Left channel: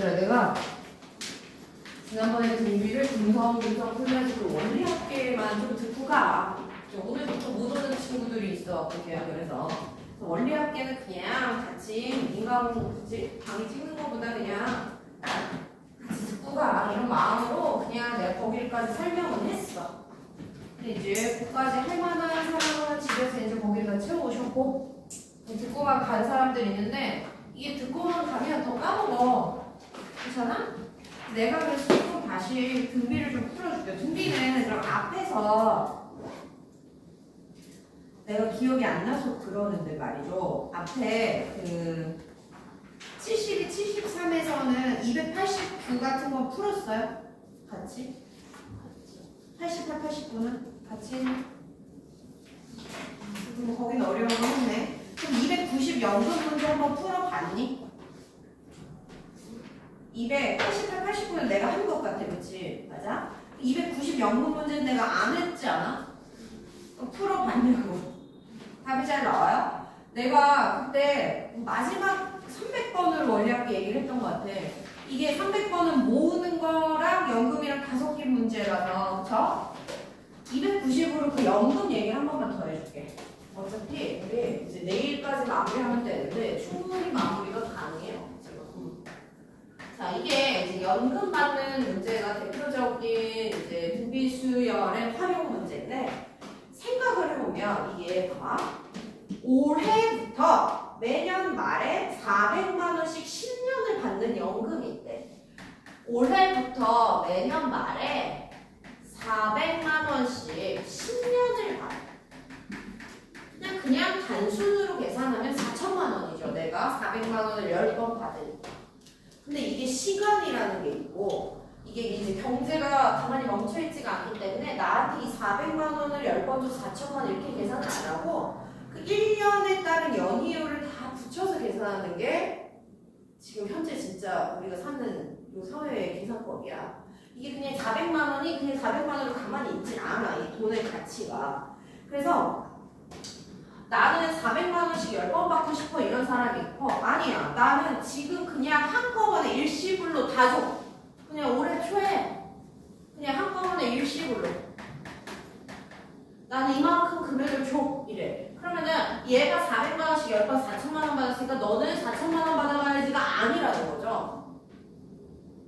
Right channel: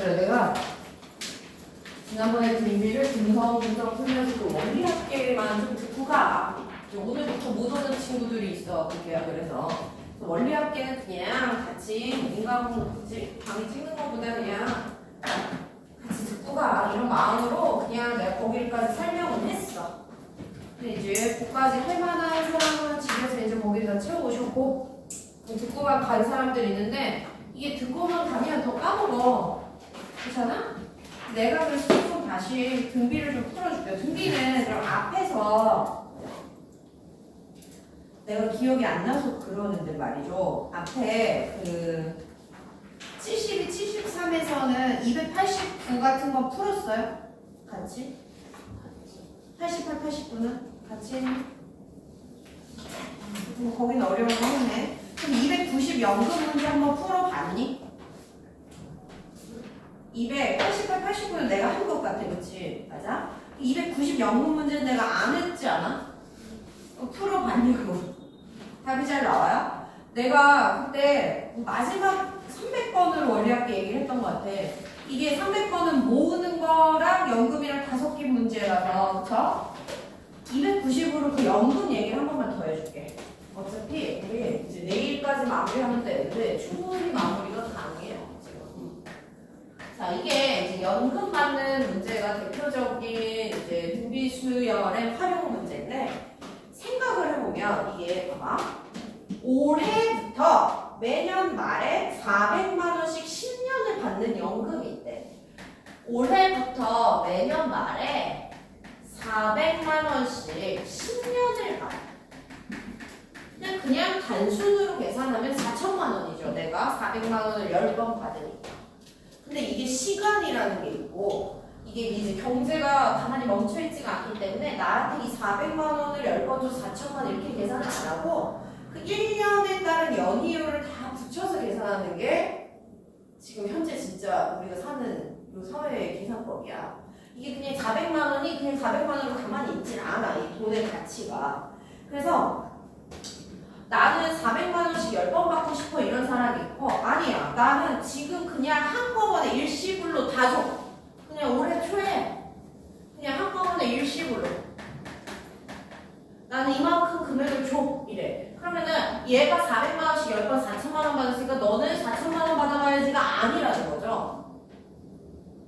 얘들아, 내가 지난번에 등비를 분석 풀면서도 원리학계만 좀 듣고 가. 오늘부터 못 오는 친구들이 있어. 그게야. 그래서 원리학계는 그냥 같이 인과공부 강의 찍는 것보다 그냥 같이 듣고 가. 이런 마음으로 그냥 내가 거기까지 설명은 했어. 근데 이제 그까지 할 만한 사람은 집에서 이제 거기다 채워오셨고 듣고만 간 사람들이 있는데 이게 듣고만 가면 더 까먹어. 그렇잖아? 내가 그래서 좀 다시 등비를 좀 풀어줄게요. 등비는 그럼 앞에서 내가 기억이 안 나서 그러는데 말이죠. 앞에 그 72, 73에서는 289 같은 거 풀었어요? 같이? 88, 89는? 같이? 거기는 어려운 거 했네. 그럼 290 연금 문제 한번 풀어봤니? 288, 89는 내가 한 것 같아. 그치? 맞아? 290 연금 문제는 내가 안 했지 않아? 풀어봤냐고. 답이 잘 나와요? 내가 그때 마지막 300번을 원리학계 얘기를 했던 것 같아. 이게 300번은 모으는 거랑 연금이랑 5개 문제라서, 그쵸? 290으로 그 연금 얘기를 한 번만 더 해줄게. 어차피 우리 이제 내일까지 마무리하면 되는데 충분히 마무리가 가능해요. 지금. 자, 이게 이제 연금 받는 문제가 대표적인 이제 등비수열의 활용 문제인데 생각을 해보면 이게 봐봐. 올해부터 매년 말에 400만 원씩 10년을 받는 연금이 있대. 올해부터 매년 말에 400만 원씩 10년을 받아. 그냥 단순으로 계산하면 4천만 원이죠. 내가 400만 원을 10번 받으니까. 근데 이게 시간이라는 게 있고 이게 이제 경제가 가만히 멈춰있지가 않기 때문에 나한테 이 400만 원을 10번 줘 4천만 원 이렇게 계산을 안 하고 그 1년에 따른 연이율을 다 붙여서 계산하는 게 지금 현재 진짜 우리가 사는 이 사회의 계산법이야. 이게 그냥 400만 원이 그냥 400만 원으로 가만히 있지 않아. 이 돈의 가치가. 그래서 나는 400만 원씩 10번 받고 싶어 이런 사람이 있고 아니야. 나는 지금 그냥 한꺼번에 일시불로 다 줘. 그냥 올해 초에 그냥 한꺼번에 일시불로 나는 이만큼 금액을 줘. 이래. 그러면은 얘가 400만 원씩 10번 4천만 원 받았으니까 너는 4천만 원 받아가야지가 아니라는 거죠.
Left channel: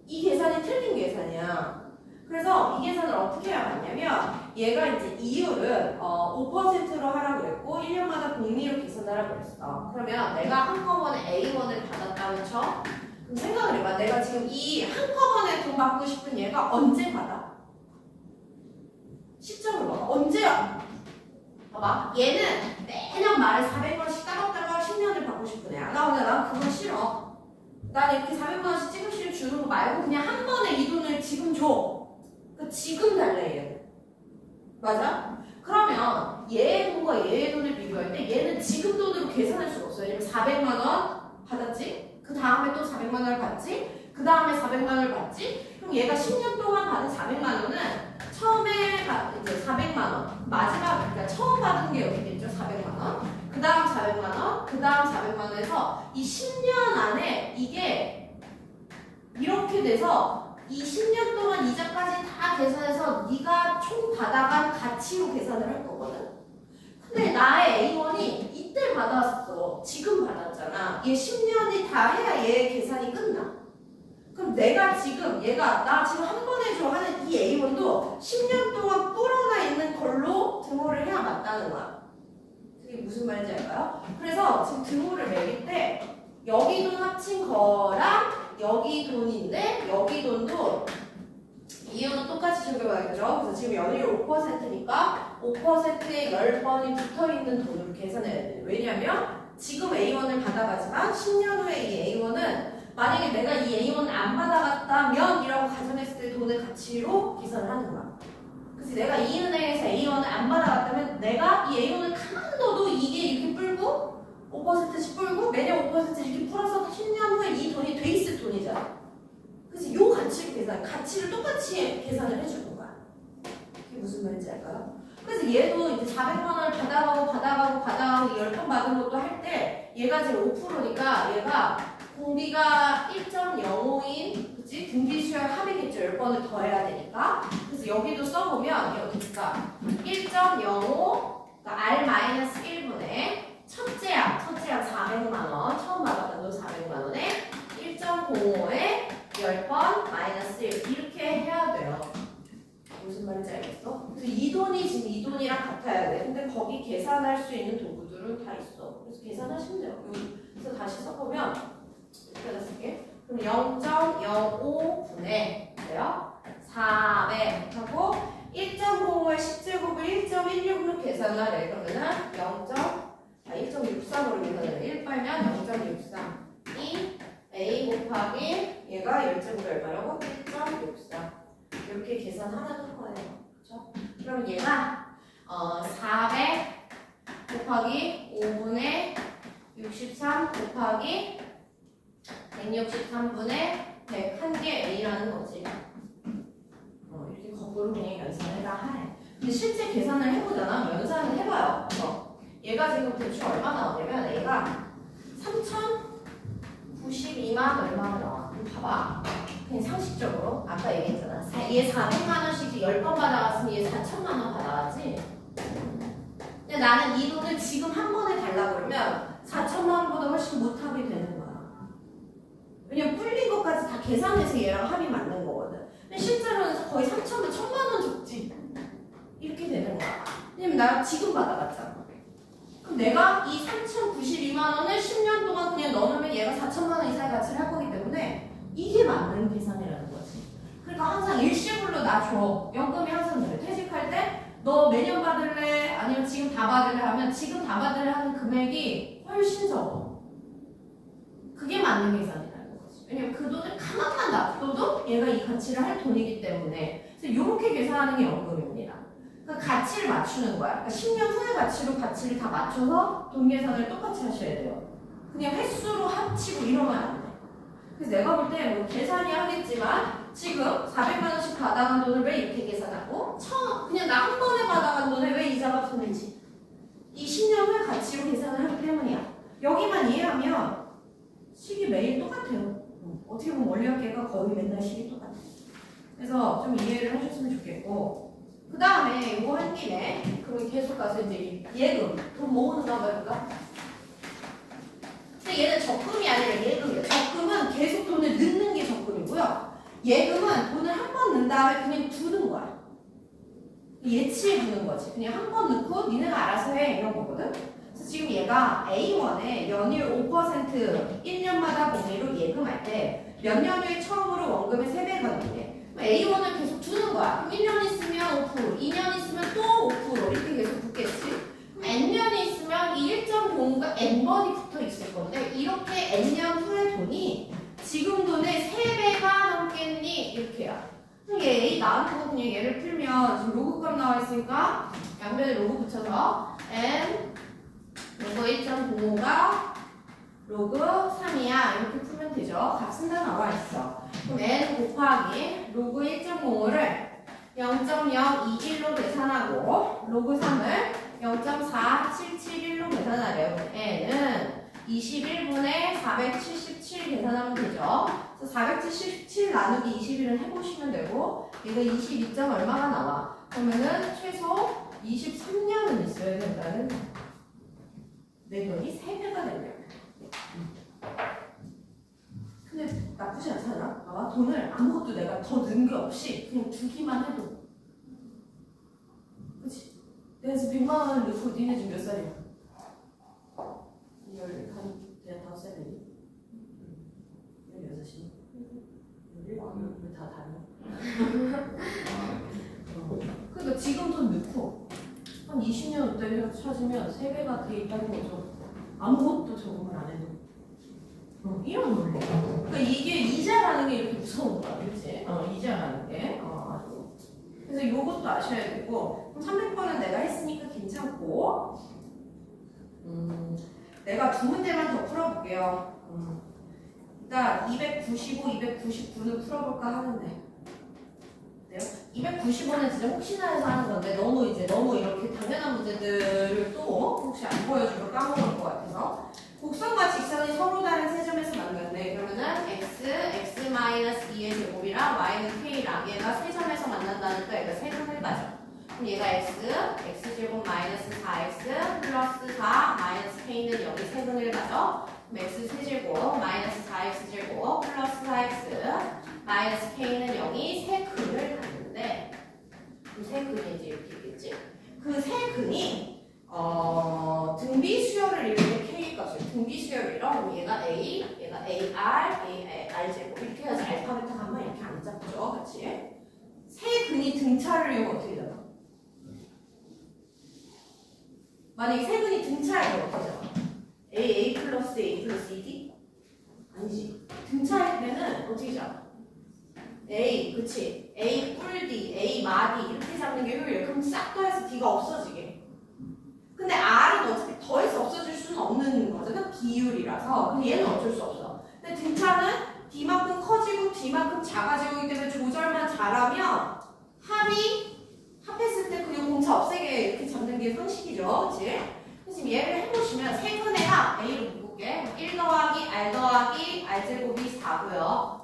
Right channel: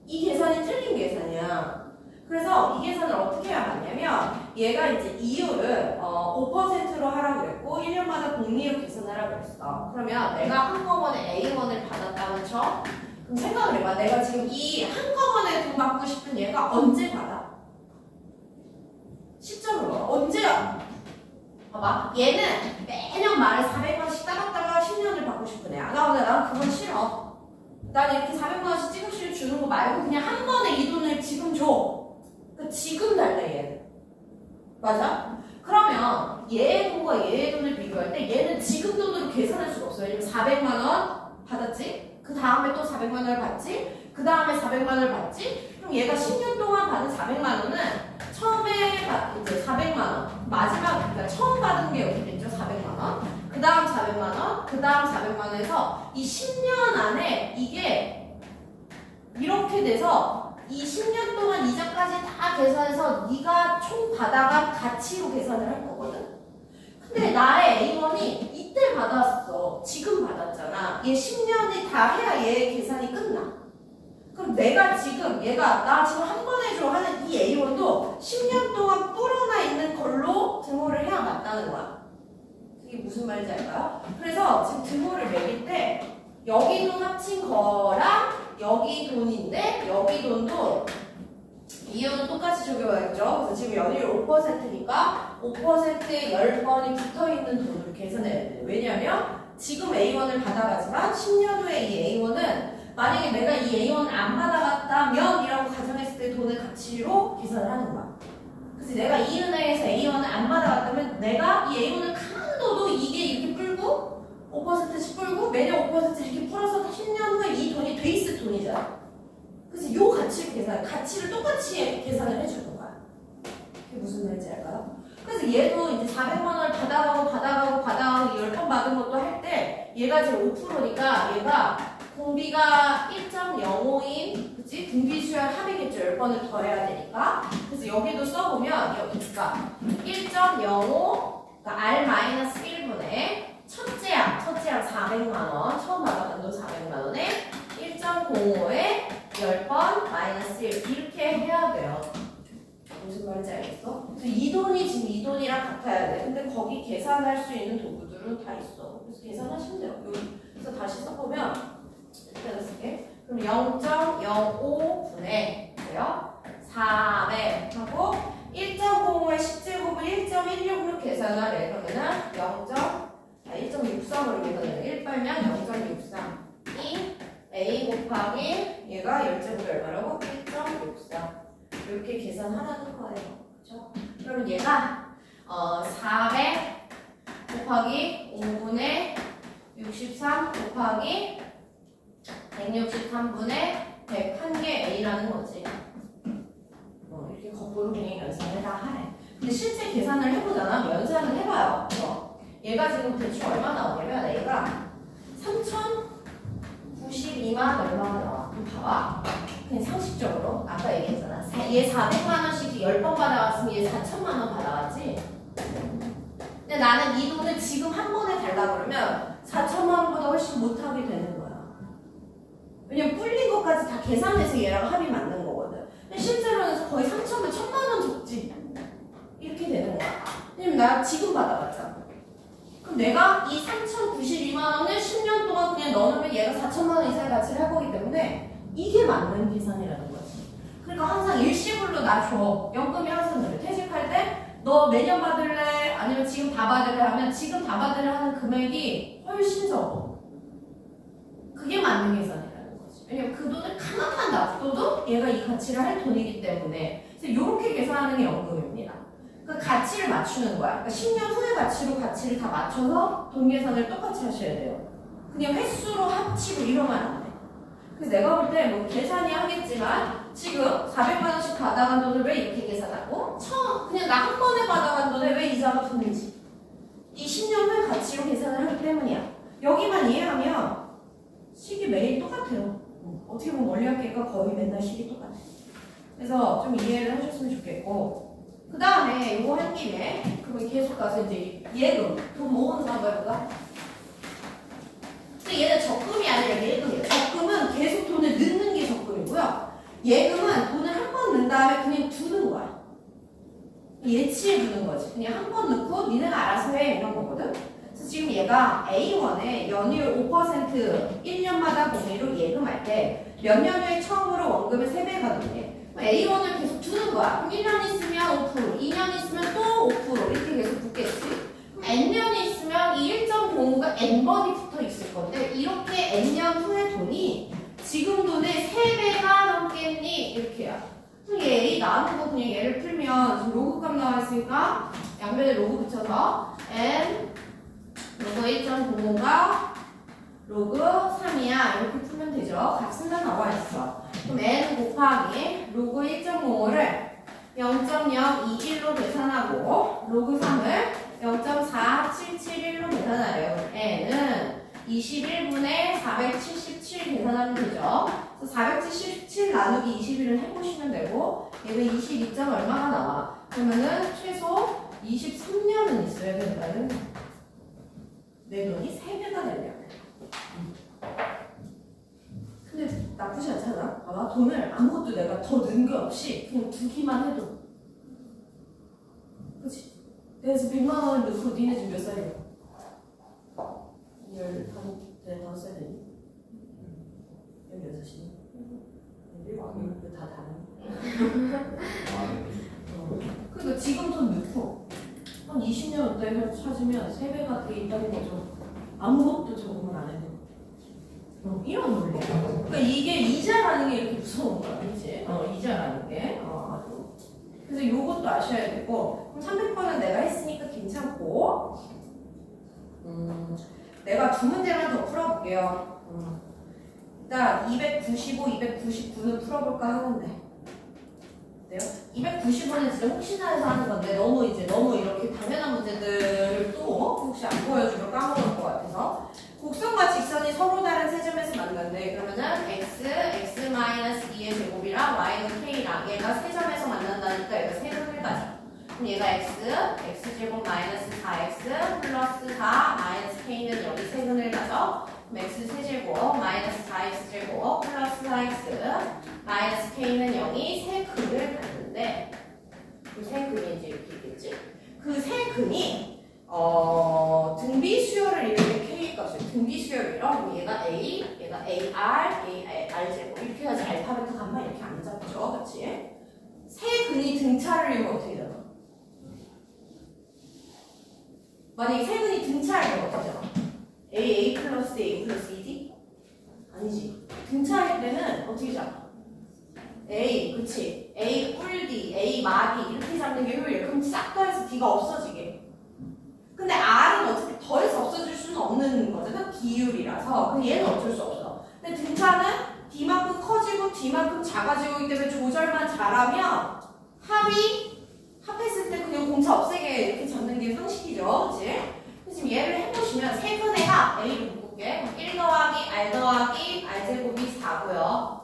이 계산이 틀린 계산이야. 그래서 이 계산을 어떻게 해야 하냐면 얘가 이제 이율을 5%로 하라고 그랬고 1년마다 복리율 계산을 하라고 그랬어. 그러면 내가 한꺼번에 A1을 받았다는 쳐. 그럼 생각을 해봐. 내가 지금 이 한꺼번에 돈 받고 싶은 얘가 언제 받아? 시점을 봐. 언제야? 봐봐. 얘는 매년 말에 400원씩 따박따박 10년을 받고 싶은 애야. 난 그건 싫어. 난 이렇게 400만원씩 찍음씩 주는 거 말고 그냥 한 번에 이 돈을 지금 줘. 그러니까 지금 달래 얘는. 맞아? 그러면 얘의 돈과 얘의 돈을 비교할 때 얘는 지금 돈으로 계산할 수가 없어요. 왜냐면 400만원 받았지? 그 다음에 또 400만원을 받지? 그 다음에 400만원을 받지? 그럼 얘가 10년 동안 받은 400만원은 처음에 이제 400만원 마지막 그러니까 처음 받은 게 여기 됐죠? 400만원 그 다음 400만원 그 다음 400만원에서 이 10년 안에 이게 이렇게 돼서 이 10년 동안 이자까지 다 계산해서 네가 총 받아간 가치로 계산을 할 거거든. 근데 나의 A1이 이때 받았어. 지금 받았잖아. 얘 10년이 다 해야 얘 계산이 끝나. 그럼 내가 지금 얘가 나 지금 한 번에 줘 하는 이 A1도 10년 동안 불어나 있는 걸로 등호를 해야 맞다는 거야. 그게 무슨 말인지 알까요? 그래서 지금 등호를 매길 때 여기 돈 합친 거랑 여기 돈인데 여기 돈도 이유는 똑같이 적용하겠죠. 그래서 지금 연이율 5%니까 5%에 10번이 붙어있는 돈으로 계산해야 돼요. 왜냐하면 지금 A1을 받아가지만 10년 후에 이 A1은 만약에 내가 이 A1을 안 받아갔다면 이라고 가정했을 때 돈의 가치로 계산을 하는 거야. 그래서 내가 이 은행에서 A1을 안 받아갔다면 내가 이 A1을 가만 둬도 이게 이렇게 불고 5%씩 불고 매년 5% 이렇게 풀어서 10년 후에 이 돈이 돼 있을 돈이잖아. 그래서 이 가치를 똑같이 계산을 해주는 거야. 그게 무슨 말인지 알까요? 그래서 얘도 이제 400만 원을 받아가고 10번 받은 것도 할 때 얘가 지금 5%니까 얘가 공비가 1.05인, 그치? 공비수열 합이겠죠. 10번을 더 해야 되니까. 그래서 여기도 써보면, 여기가 1.05, 그러니까 R-1분의 첫째항 400만원, 처음 받아간 돈 400만원에 1.05에 10번 마이너스 1 이렇게 해야 돼요. 무슨 말인지 알겠어? 그래서 이 돈이 지금 이 돈이랑 같아야 돼. 근데 거기 계산할 수 있는 도구들은 다 있어. 그래서 계산하시면 돼요. 여기. 그래서 다시 써보면 이렇게 쓸게. 그럼 0.05분의 그래요? 400 하고 1.05의 10제곱을 1.16로 계산하래. 그러면은 1.63으로 계산하면 1 빨면 0.63이 A 곱하기 얘가 10제곱이 얼마라고? 1.64 이렇게 계산하라는 거예요. 그렇죠? 그럼 얘가 400 곱하기 5분의 63 곱하기 163분의 101개 A라는 거지. 이렇게 거꾸로 그냥 연산을 다 하래. 근데 실제 계산을 해보잖아. 연산을 해봐요. 얘가 지금 대충 얼마 나오냐면 A가 3,092만 얼마가 나와. 그럼 봐봐. 그냥 상식적으로 아까 얘기했잖아. 얘 400만 원씩 10번 받아왔으면 얘 4천만 원 받아왔지. 근데 나는 이 돈을 지금 한 번에 달라고 그러면 4천만 원보다 훨씬 못하게 되는 거야. 왜냐면 불린 것까지 다 계산해서 얘랑 합이 맞는 거거든. 근데 실제로는 거의 3천만, 1천만 원 적지. 이렇게 되는 거야. 왜냐면 나 지금 받아봤잖아. 그럼 내가 이 3,092만 원을 10년 동안 그냥 넣어놓으면 얘가 4천만 원 이상의 가치를 할 거기 때문에 이게 맞는 계산이라는 거지. 그러니까 항상 일시불로 나 줘. 연금이 항상 그래. 퇴직할 때 너 매년 받을래? 아니면 지금 다 받을래? 하면 지금 다 받을래 하는 금액이 훨씬 적어. 그게 맞는 계산이라는 거지. 왜냐면 그 돈을 가만만 놔둬도 얘가 이 가치를 할 돈이기 때문에. 그래서 이렇게 계산하는 게 연금입니다. 그 가치를 맞추는 거야. 그러니까 10년 후의 가치로 가치를 다 맞춰서 돈 계산을 똑같이 하셔야 돼요. 그냥 횟수로 합치고 이러면 안 돼. 그래서 내가 볼 때 뭐 계산이 하겠지만 지금 400만 원씩 받아간 돈을 왜 이렇게 계산하고 그냥 나 한 번에 받아간 돈에 왜 이자가 붙는지 이 10년 후의 가치로 계산을 하기 때문이야. 여기만 이해하면 식이 매일 똑같아요. 어떻게 보면 원리학계가 거의 맨날 식이 똑같아. 그래서 좀 이해를 하셨으면 좋겠고 그 다음에 이거 한 김에 그러면 계속 가서 이제 예금 돈 모으는 방법 해볼까? 근데 얘는 적금이 아니라 예금이에요. 적금은 계속 돈을 넣는 게 적금이고요. 예금은 돈을 한 번 넣은 다음에 그냥 두는 거야. 예치해 두는 거지. 그냥 한 번 넣고 니네가 알아서 해 이런 거거든. 그래서 지금 얘가 A1에 연율 5% 1년마다 공리로 예금할 때 몇 년 후에 처음으로 원금의 3배가 되네. A1을 계속 두는 거야. 그럼 1년 있으면 5%, 2년 있으면 또 5% 이렇게 계속 붙겠지. 그럼 N년이 있으면 이 1.05가 N번이 붙어 있을 건데 이렇게 N년 후의 돈이 지금 돈의 3배가 넘겠니? 이렇게야. 그럼 얘 A 나오는 거 그냥 얘를 풀면 지금 로그값 나와 있으니까 양변에 로그 붙여서 N 로그 1.05가 로그 3이야. 이렇게 풀면 되죠. 값은 다 나와 있어. 그럼 N 곱하기 로그 1.05를 0.021로 계산하고 로그 3을 0.4771로 계산하래요. N은 21분의 477 계산하면 되죠. 그래서 477 나누기 21을 해보시면 되고 얘가 22점 얼마가 나와? 그러면은 최소 23년은 있어야 된다는 내 돈이 3배가 되면 근데 나쁘지 않잖아. 봐봐. 돈을 아무것도 내가 더 넣은 게 없이 그냥 두기만 해도 그치? 내가 지금 100만 원을 넣고 니네 지금 몇 살이야? 15살 되니? 16이니? 이거 다 다르네. 그러니까 지금 돈 넣고 한 20년 후에 찾으면 3배가 돼 있다는 거죠. 아무것도 적응을 안 해도. 이런 논리. 그러니까 이게 이자라는 게 이렇게 무서운 거야. 그치? 이자라는 게. 그래서 요것도 아셔야 되고, 그럼 300번은 내가 했으니까 괜찮고, 내가 두 문제만 더 풀어볼게요. 일단 295, 299는 풀어볼까 하는데. 돼요? 290원은 진짜 혹시나 해서 하는 건데 너무 이렇게 당연한 문제들을 또 혹시 안 보여주면 까먹을 것 같아서 곡선과 직선이 서로 다른 세 점에서 만났네. 그러면은 x-2의 제곱이랑 y는 k랑 얘가 세 점에서 만난다니까 얘가 세점을 가져. 그럼 얘가 x제곱 마이너스 4x 플러스 4 마이너스 k는 여기 세근을 가져. 그럼 x 세제곱 마이너스 4x제곱 플러스 4x 마이너스 k는 0이 세 근을 갖는데 그 세 근이 이제 이렇게 있겠지? 그 세 근이 등비 수열을 이렇게 k일 것이고 등비 수열을 이러 그럼 얘가 a, 얘가 ar 제곱 이렇게 해야지 알파벳 감마 이렇게 안 잡죠, 그렇지? 세 근이 등차를 이유가 어떻게 되나? 만약에 세 근이 등차를 이유가 어떻게 되나? a 플러스 ed? 아니지. 등차일 때는 어떻게 잡아? A, 그치? A 뿔D, A 마디 이렇게 잡는 게 효율이야. 그럼 싹 더해서 D가 없어지게. 근데 R은 어차피 더해서 없어질 수는 없는 거잖아. 비율이라서. 그럼 얘는 어쩔 수 없어. 근데 등차는 D만큼 커지고 D만큼 작아지고 있기 때문에 조절만 잘하면 합했을 때 그냥 공차 없애게 이렇게 잡는 게 상식이죠. 그치? 지금 얘를 해보시면 세 근에가 A를 묶을게. 1 더하기 R 더하기 R제곱이 4고요.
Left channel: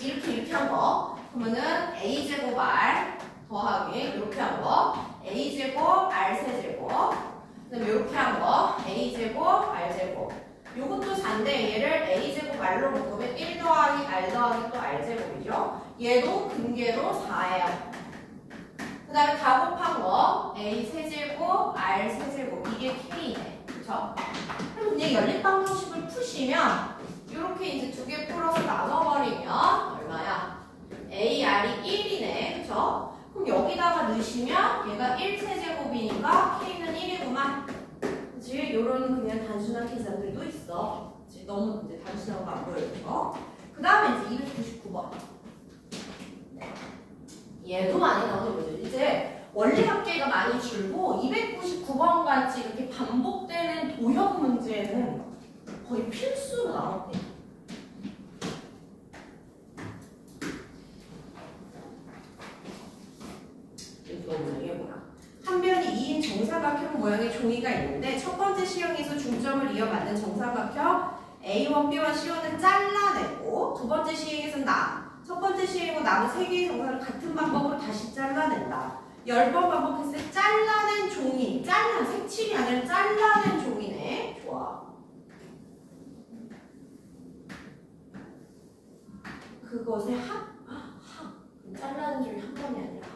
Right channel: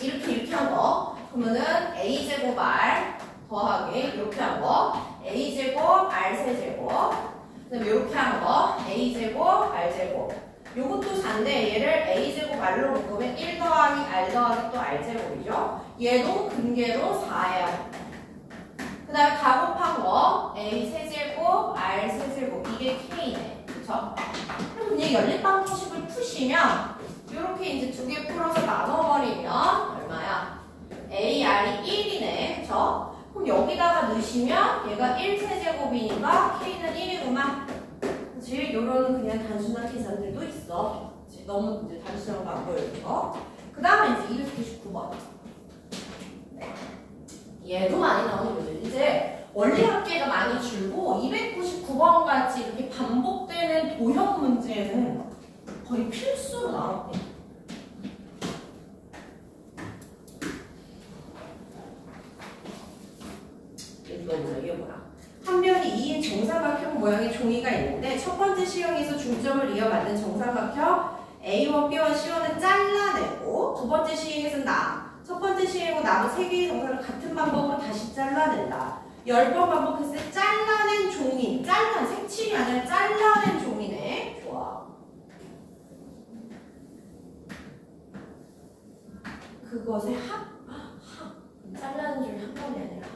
이렇게 한 거. 그러면은 A제곱 R 더하기 이렇게 한 거. A제곱 R 세제곱. 그 다음에 이렇게 한 거. A제곱 R제곱. 요것도 4인데 얘를 A제곱 R로 묶으면 1 더하기 R 더하기 또 R제곱이죠. 얘도 근계로 4예요. 그 다음에 가곱한 거 A 세제곱 R 세제곱 이게 K네. 그쵸? 그럼 이제 연립방정식을 푸시면 이렇게 이제 두 개 풀어서 나눠버리면 얼마야? AR이 1이네. 그쵸? 그럼 여기다가 넣으시면 얘가 1세제곱이니까 K는 1이구만. 그치? 요런 그냥 단순한 계산들도 있어. 그치? 너무 이제 단순한 거 안 보여줘. 그 다음에 이제 299번. 얘도 많이 나오는 거죠. 이제 원리합계가 많이 줄고 299번 같이 이렇게 반복되는 도형 문제는 거의 필수로 나왔대. 이거 뭐야? 이게 뭐야? 한 변이 2인 정사각형 모양의 종이가 있는데 첫 번째 시험에서 중점을 이어 만든 정사각형 A1, B와 C1은 잘라내고 두 번째 시행에서는 첫 번째 시행하고 남은 세 개의 정사를 같은 방법으로 다시 잘라낸다. 10번 반복했을 때 잘라낸 종이, 색칠이 아니라 잘라낸 종이네. 좋아. 그것의 잘라낸 종이 한 번이 아니라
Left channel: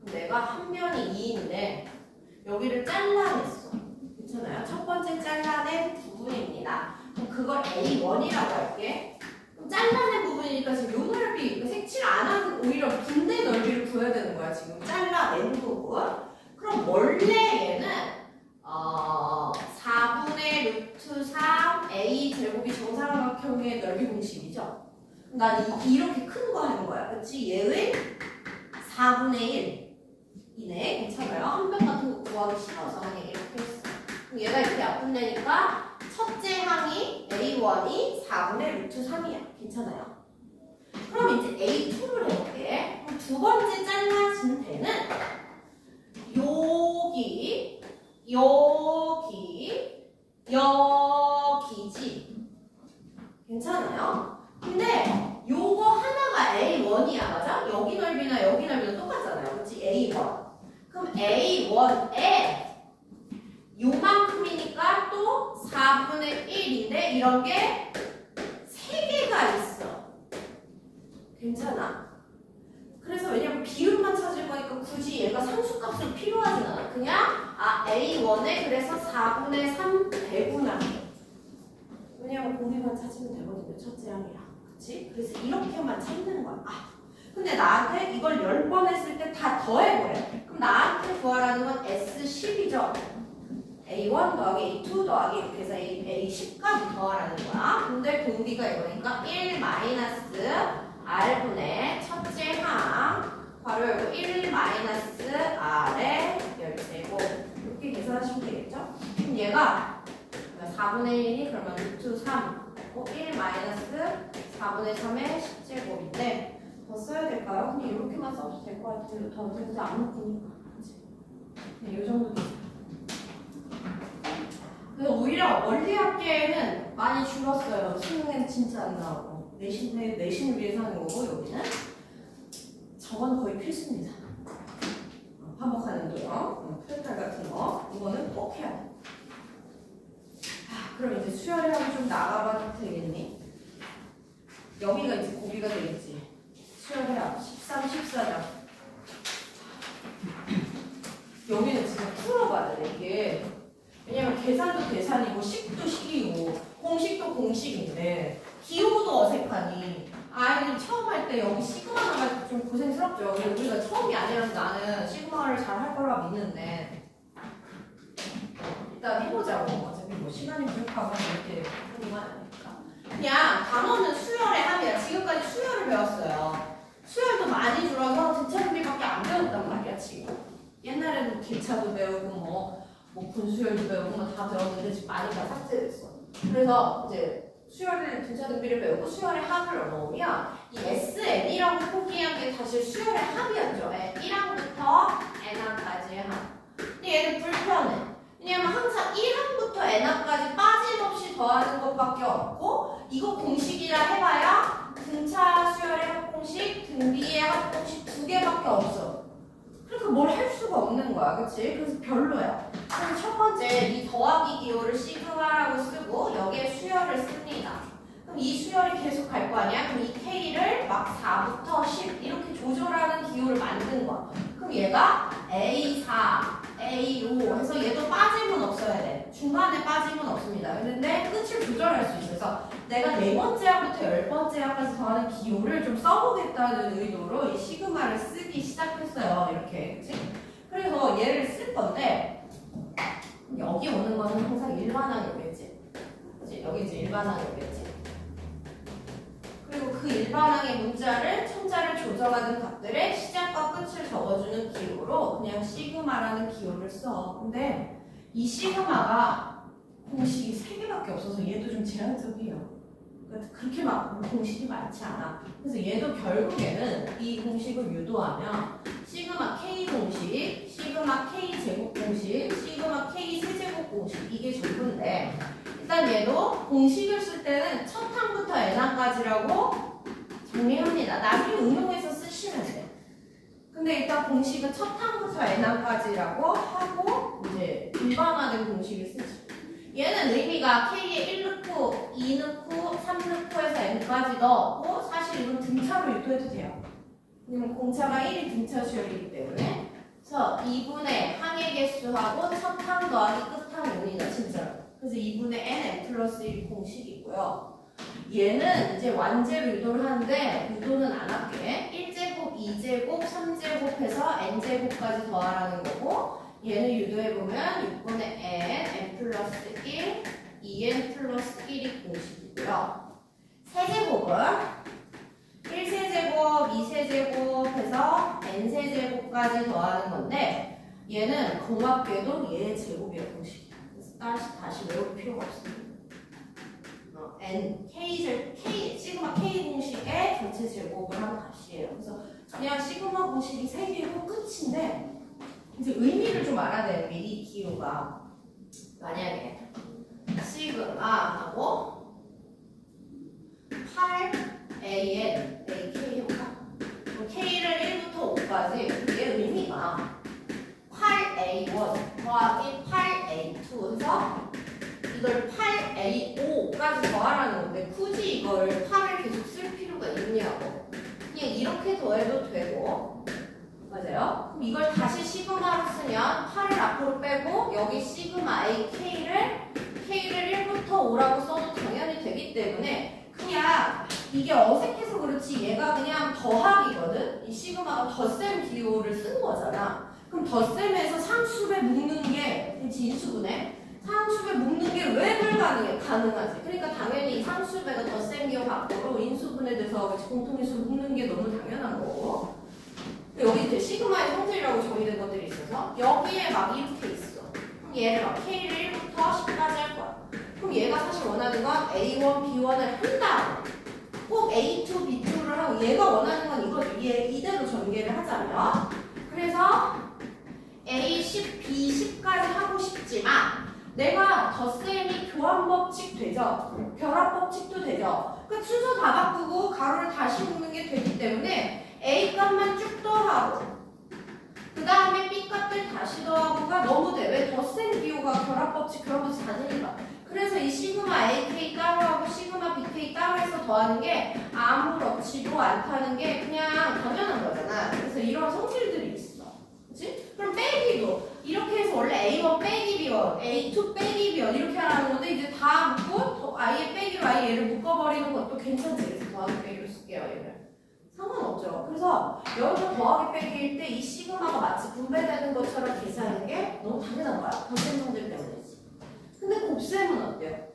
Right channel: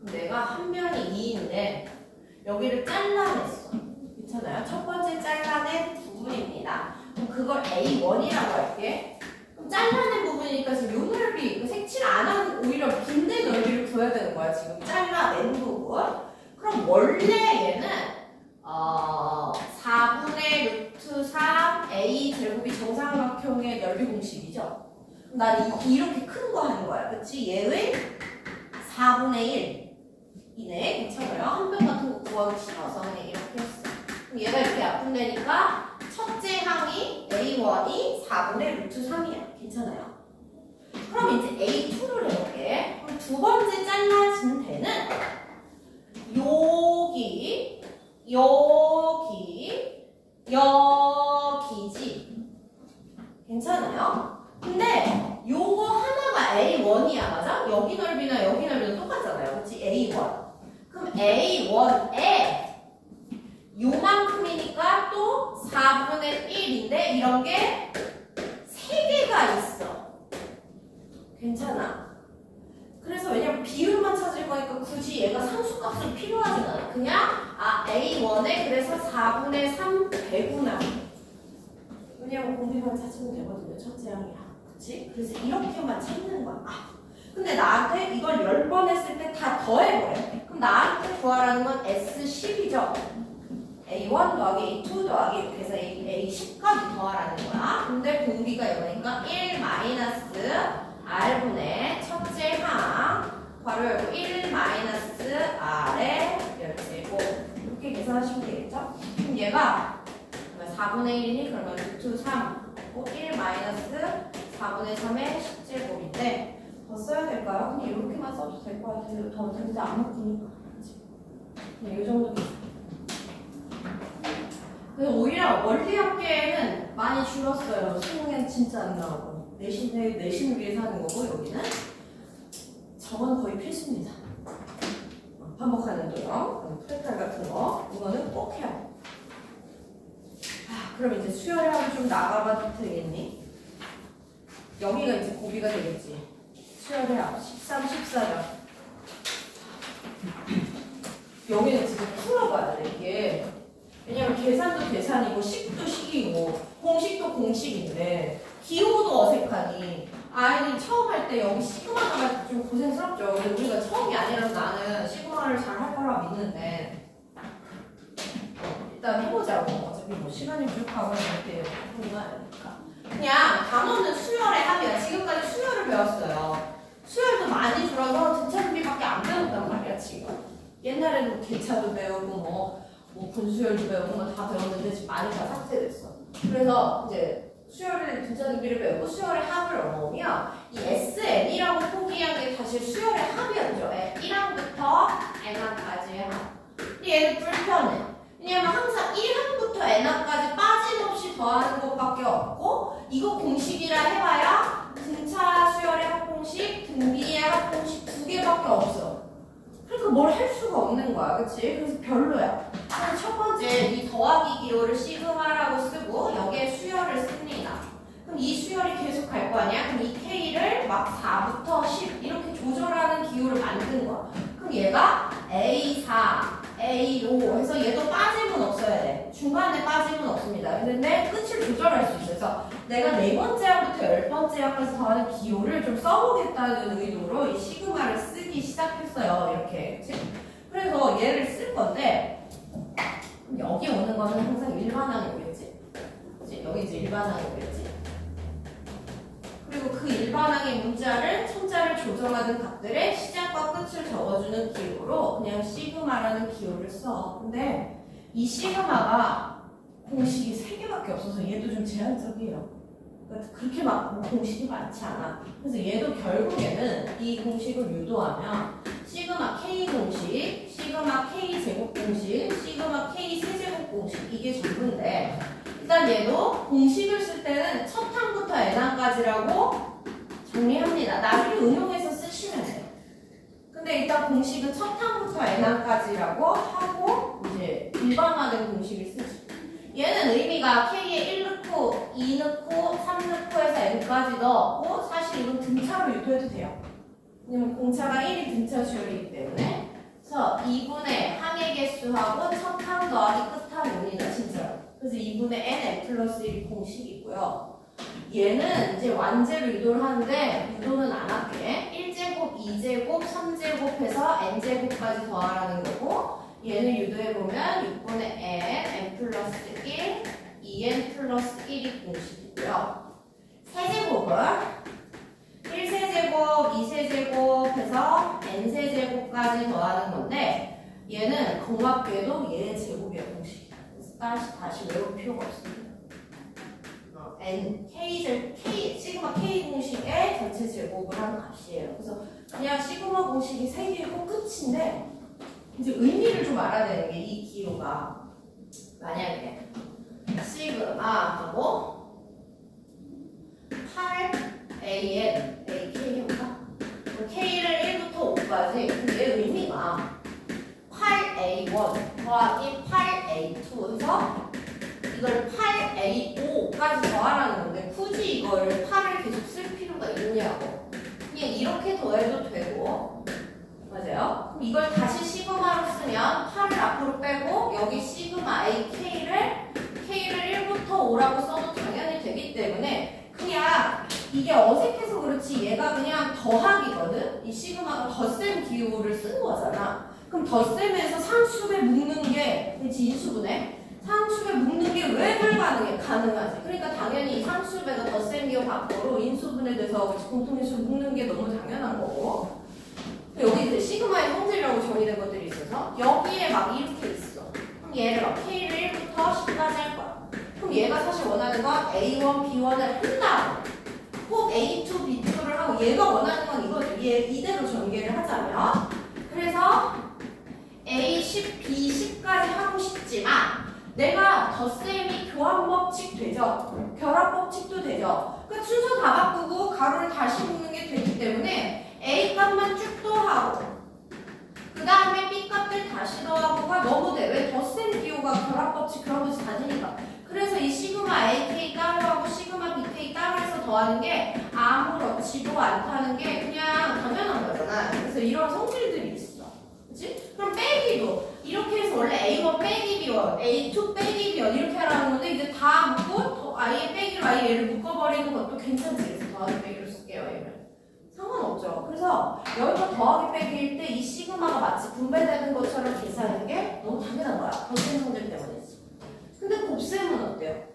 그럼 내가 한 변이 2인데 여기를 잘라냈어. 괜찮아요? 첫 번째 잘라낸 부분입니다. 그럼 그걸 A1이라고 할게. 그럼 잘라낸 부분이니까 지금 요 넓이, 색칠 안 한 오히려 빈대 넓이를 둬야 되는 거야. 지금 잘라낸 부분. 그럼 원래 얘는 4분의 루트 3 A 제곱이 정사각형의 넓이 공식이죠. 난 이렇게 큰 거 하는 거야. 그치? 얘의 4분의 1이네. 괜찮아요? 한 변 같은 거 구하기 싫어서 그냥 이렇게 했어. 그럼 얘가 이렇게 약분되니까 첫째 항이 A1이 4분의 루트 3이야. 괜찮아요? 그럼 이제 A2를 해볼게. 그럼 두 번째 잘라진 데는 여기지. 괜찮아요? 근데 요거 하나가 A1이야. 맞아? 여기 넓이나 여기 넓이는 똑같잖아요. 그치? A1. 그럼 A1에 요만큼이니까 또 4분의 1인데 이런 게 3개가 있어. 괜찮아? 그래서 왜냐면 비율만 찾을 거니까 굳이 얘가 상수값은 필요하진 않아. 그냥 A1에 그래서 4분의 3 배분하. 왜냐면 공비만 찾으면 되거든요. 첫째 항이랑. 그치? 그래서 이렇게만 찾는 거야. 근데 나한테 이걸 10번 했을 때 다 더해버려. 그럼 나한테 구하라는 건 S10이죠. A1 더하기 A2 더하기 이렇게 해서 A10까지 더하라는 거야. 근데 공비가 이거니까 1 마이너스 R분의 첫째 항 괄호 열고 1 마이너스 R의 열제곱 이렇게 계산하시면 되겠죠? 그럼 얘가 4분의 1이니 그러면 루트 3 1 마이너스 4분의 3의 10제곱인데 더 써야 될까요? 그냥 이렇게만 써도 될 것 같아요. 더 어차피 안 묶으니까. 그냥 이 정도. 그래서 오히려 원리학계는 많이 줄었어요. 수능엔 진짜 안 나오고. 내신을 위해서 하는 거고, 여기는. 저건 거의 필수입니다. 반복하는 도형, 프레탈 같은 거. 이거는 꼭 해야 돼. 그럼 이제 수열해하고 좀 나가봐도 되겠니? 여기가 이제 고비가 되겠지. 수열해하 13, 14장. 여기는 진짜 풀어봐야 돼, 이게. 왜냐면 계산도 계산이고, 식도 식이고, 공식도 공식인데, 기호도 어색하니, 아이들이 처음 할 때 여기 시그마 나갈 때 좀 고생스럽죠. 근데 우리가 처음이 아니라서 나는 시그마를 잘 할 거라 믿는데, 일단 해보자고. 어차피 뭐 시간이 부족하거나 이렇게 하는 거 아니니까. 그냥 단어는 수열의 합이야. 지금까지 수열을 배웠어요. 수열도 많이 줄어서 등차 분리밖에 안 배웠단 말이야, 지금. 옛날에는 개차도 배우고 뭐 분수열도 배우고 뭐 다 배웠는데 지금 많이 다 삭제됐어. 그래서 이제 수열의 등차 등비를 배우고 수열의 합을 넣으면 이 SN이라고 포기한 게 사실 수열의 합이었죠. 1항부터 n항까지의 합. 근데 얘는 불편해. 왜냐면 항상 1항부터 n항까지 빠짐없이 더하는 것밖에 없고 이거 공식이라 해봐야 등차 수열의 합공식, 등비의 합공식 2개밖에 없어. 그러니까 뭘 할 수가 없는 거야. 그치? 그래서 별로야. 그래서 첫 번째 이 더하기 기호를 시그마라고 쓰고 여기에 수열을 씁니다. 그럼 이 수열이 계속 갈 거 아니야? 그럼 이 K를 막 4부터 10 이렇게 조절하는 기호를 만든 거야. 그럼 얘가 A4, A5 해서 얘도 빠짐은 없어야 돼. 중간에 빠짐은 없습니다. 근데 끝을 조절할 수 있어서 내가 4번째 항부터 10번째 항까지 더하는 기호를 좀 써보겠다는 의도로 이 시그마를 쓰기 시작했어요. 이렇게. 그치? 그래서 얘를 쓸 건데 여기 오는 거는 항상 일반항이 오겠지. 그치? 여기 이제 일반항이 오겠지. 그리고 그 일반항의 문자를 청자를 조정하는 값들의 시작과 끝을 적어주는 기호로 그냥 시그마라는 기호를 써. 근데 이 시그마가 공식이 3개밖에 없어서 얘도 좀 제한적이에요. 그러니까 그렇게 막 공식이 많지 않아. 그래서 얘도 결국에는 이 공식을 유도하면 시그마 K 공식, 시그마 K 제곱 공식, 시그마 K 세제곱 공식 이게 전부인데 일단 얘도 공식을 쓸 때는 첫 항부터 n항까지라고 정리합니다. 나중에 응용해서 쓰시면 돼요. 근데 일단 공식은 첫 항부터 n항까지라고 하고 이제 일반화된 공식을 쓰죠. 얘는 의미가 K에 1 넣고 2 넣고 3 넣고 해서 n까지 넣었고 사실 이건 등차로 유도해도 돼요. 왜냐면 공차가 1이 등차 수열이기 때문에 그래서 2분의 항의 개수하고 첫 항 더하기 끝항 5이다 진짜로. 그래서 2분의 n 플러스 1이 공식이고요. 얘는 이제 완제로 유도를 하는데 유도는 안 할게. 1제곱, 2제곱, 3제곱 해서 n제곱까지 더하라는 거고 얘는 유도해보면 6분의 n 플러스 1, 2n 플러스 1이 공식이고요. 세제곱은 1세제곱, 2세제곱 해서 n세제곱까지 더하는 건데 얘는 공합계도 얘의 제곱이야 공식이야. 그래서 다시 외울 필요가 없습니다. n, k, 시그마 k 공식의 전체 제곱을 하는 값이에요. 그래서 그냥 시그마 공식이 3개고 끝인데 이제 의미를 좀 알아야 되는 게 이 기호가 만약에 시그마하고 8an, ak 해볼까? k를 1부터 5까지 얘 의미가 8a1 더하기 8a2 해서 이걸 8a5까지 더하라는 건데 굳이 이걸 8을 계속 쓸 필요가 있냐고. 그냥 이렇게 더해도 되고 맞아요? 그럼 이걸 다시 시그마로 쓰면 8을 앞으로 빼고 여기 시그마 a k를 1부터 5라고 써도 당연히 되기 때문에 그냥 이게 어색해서 그렇지 얘가 그냥 더하기거든? 이 시그마가 덧셈 기호를 쓴 거잖아. 그럼 덧셈에서 상수배 묶는 게 인수분해? 상수배 묶는 게 왜 불가능해? 가능하지. 그러니까 당연히 이 상수배가 덧셈 기호 밖으로 인수분해돼서 공통인수 묶는 게 너무 당연한 거고 여기 이제 시그마의 성질이라고 정의된 것들이 있어서 여기에 막 이렇게 있어. 그럼 얘를 막 K를 1부터 10까지 할 거야. 그럼 얘가 사실 원하는 건 A1, B1을 한 다음에 꼭 A2, B2를 하고 얘가 원하는 건 이걸 A10, B10까지 하고 싶지만 내가 덧셈이 교환법칙 되죠? 결합법칙도 되죠? 그 순서 다 바꾸고 가로를 다시 묶는 게 되기 때문에 A 값만 쭉 더하고 그 다음에 B 값들 다시 더하고가 너무 돼. 왜? 덧셈 기호가 결합법칙 결합법칙 다 되니까. 그래서 이 시그마 AK 따로 하고 시그마 BK 따로 해서 더하는 게 아무렇지도 않다는 게 그냥 당연한 거잖아. 그래서 이런 성질들이 있어. 그치? 그럼 빼기도 이렇게 해서 원래 A1 빼기 B1, A2 빼기 B1 이렇게 하라는 건데 이제 다 묶고 아예 빼기로 아예 얘를 묶어버리는 것도 괜찮지. 그래서 더하기 빼기로 쓸게요. 얘를. 상관없죠. 그래서 여기가 더하기 빼기일 때 이 시그마가 마치 분배되는 것처럼 계산하는 게 너무 당연한 거야. 덧셈 성질 때문이지. 근데 곱셈은 어때요?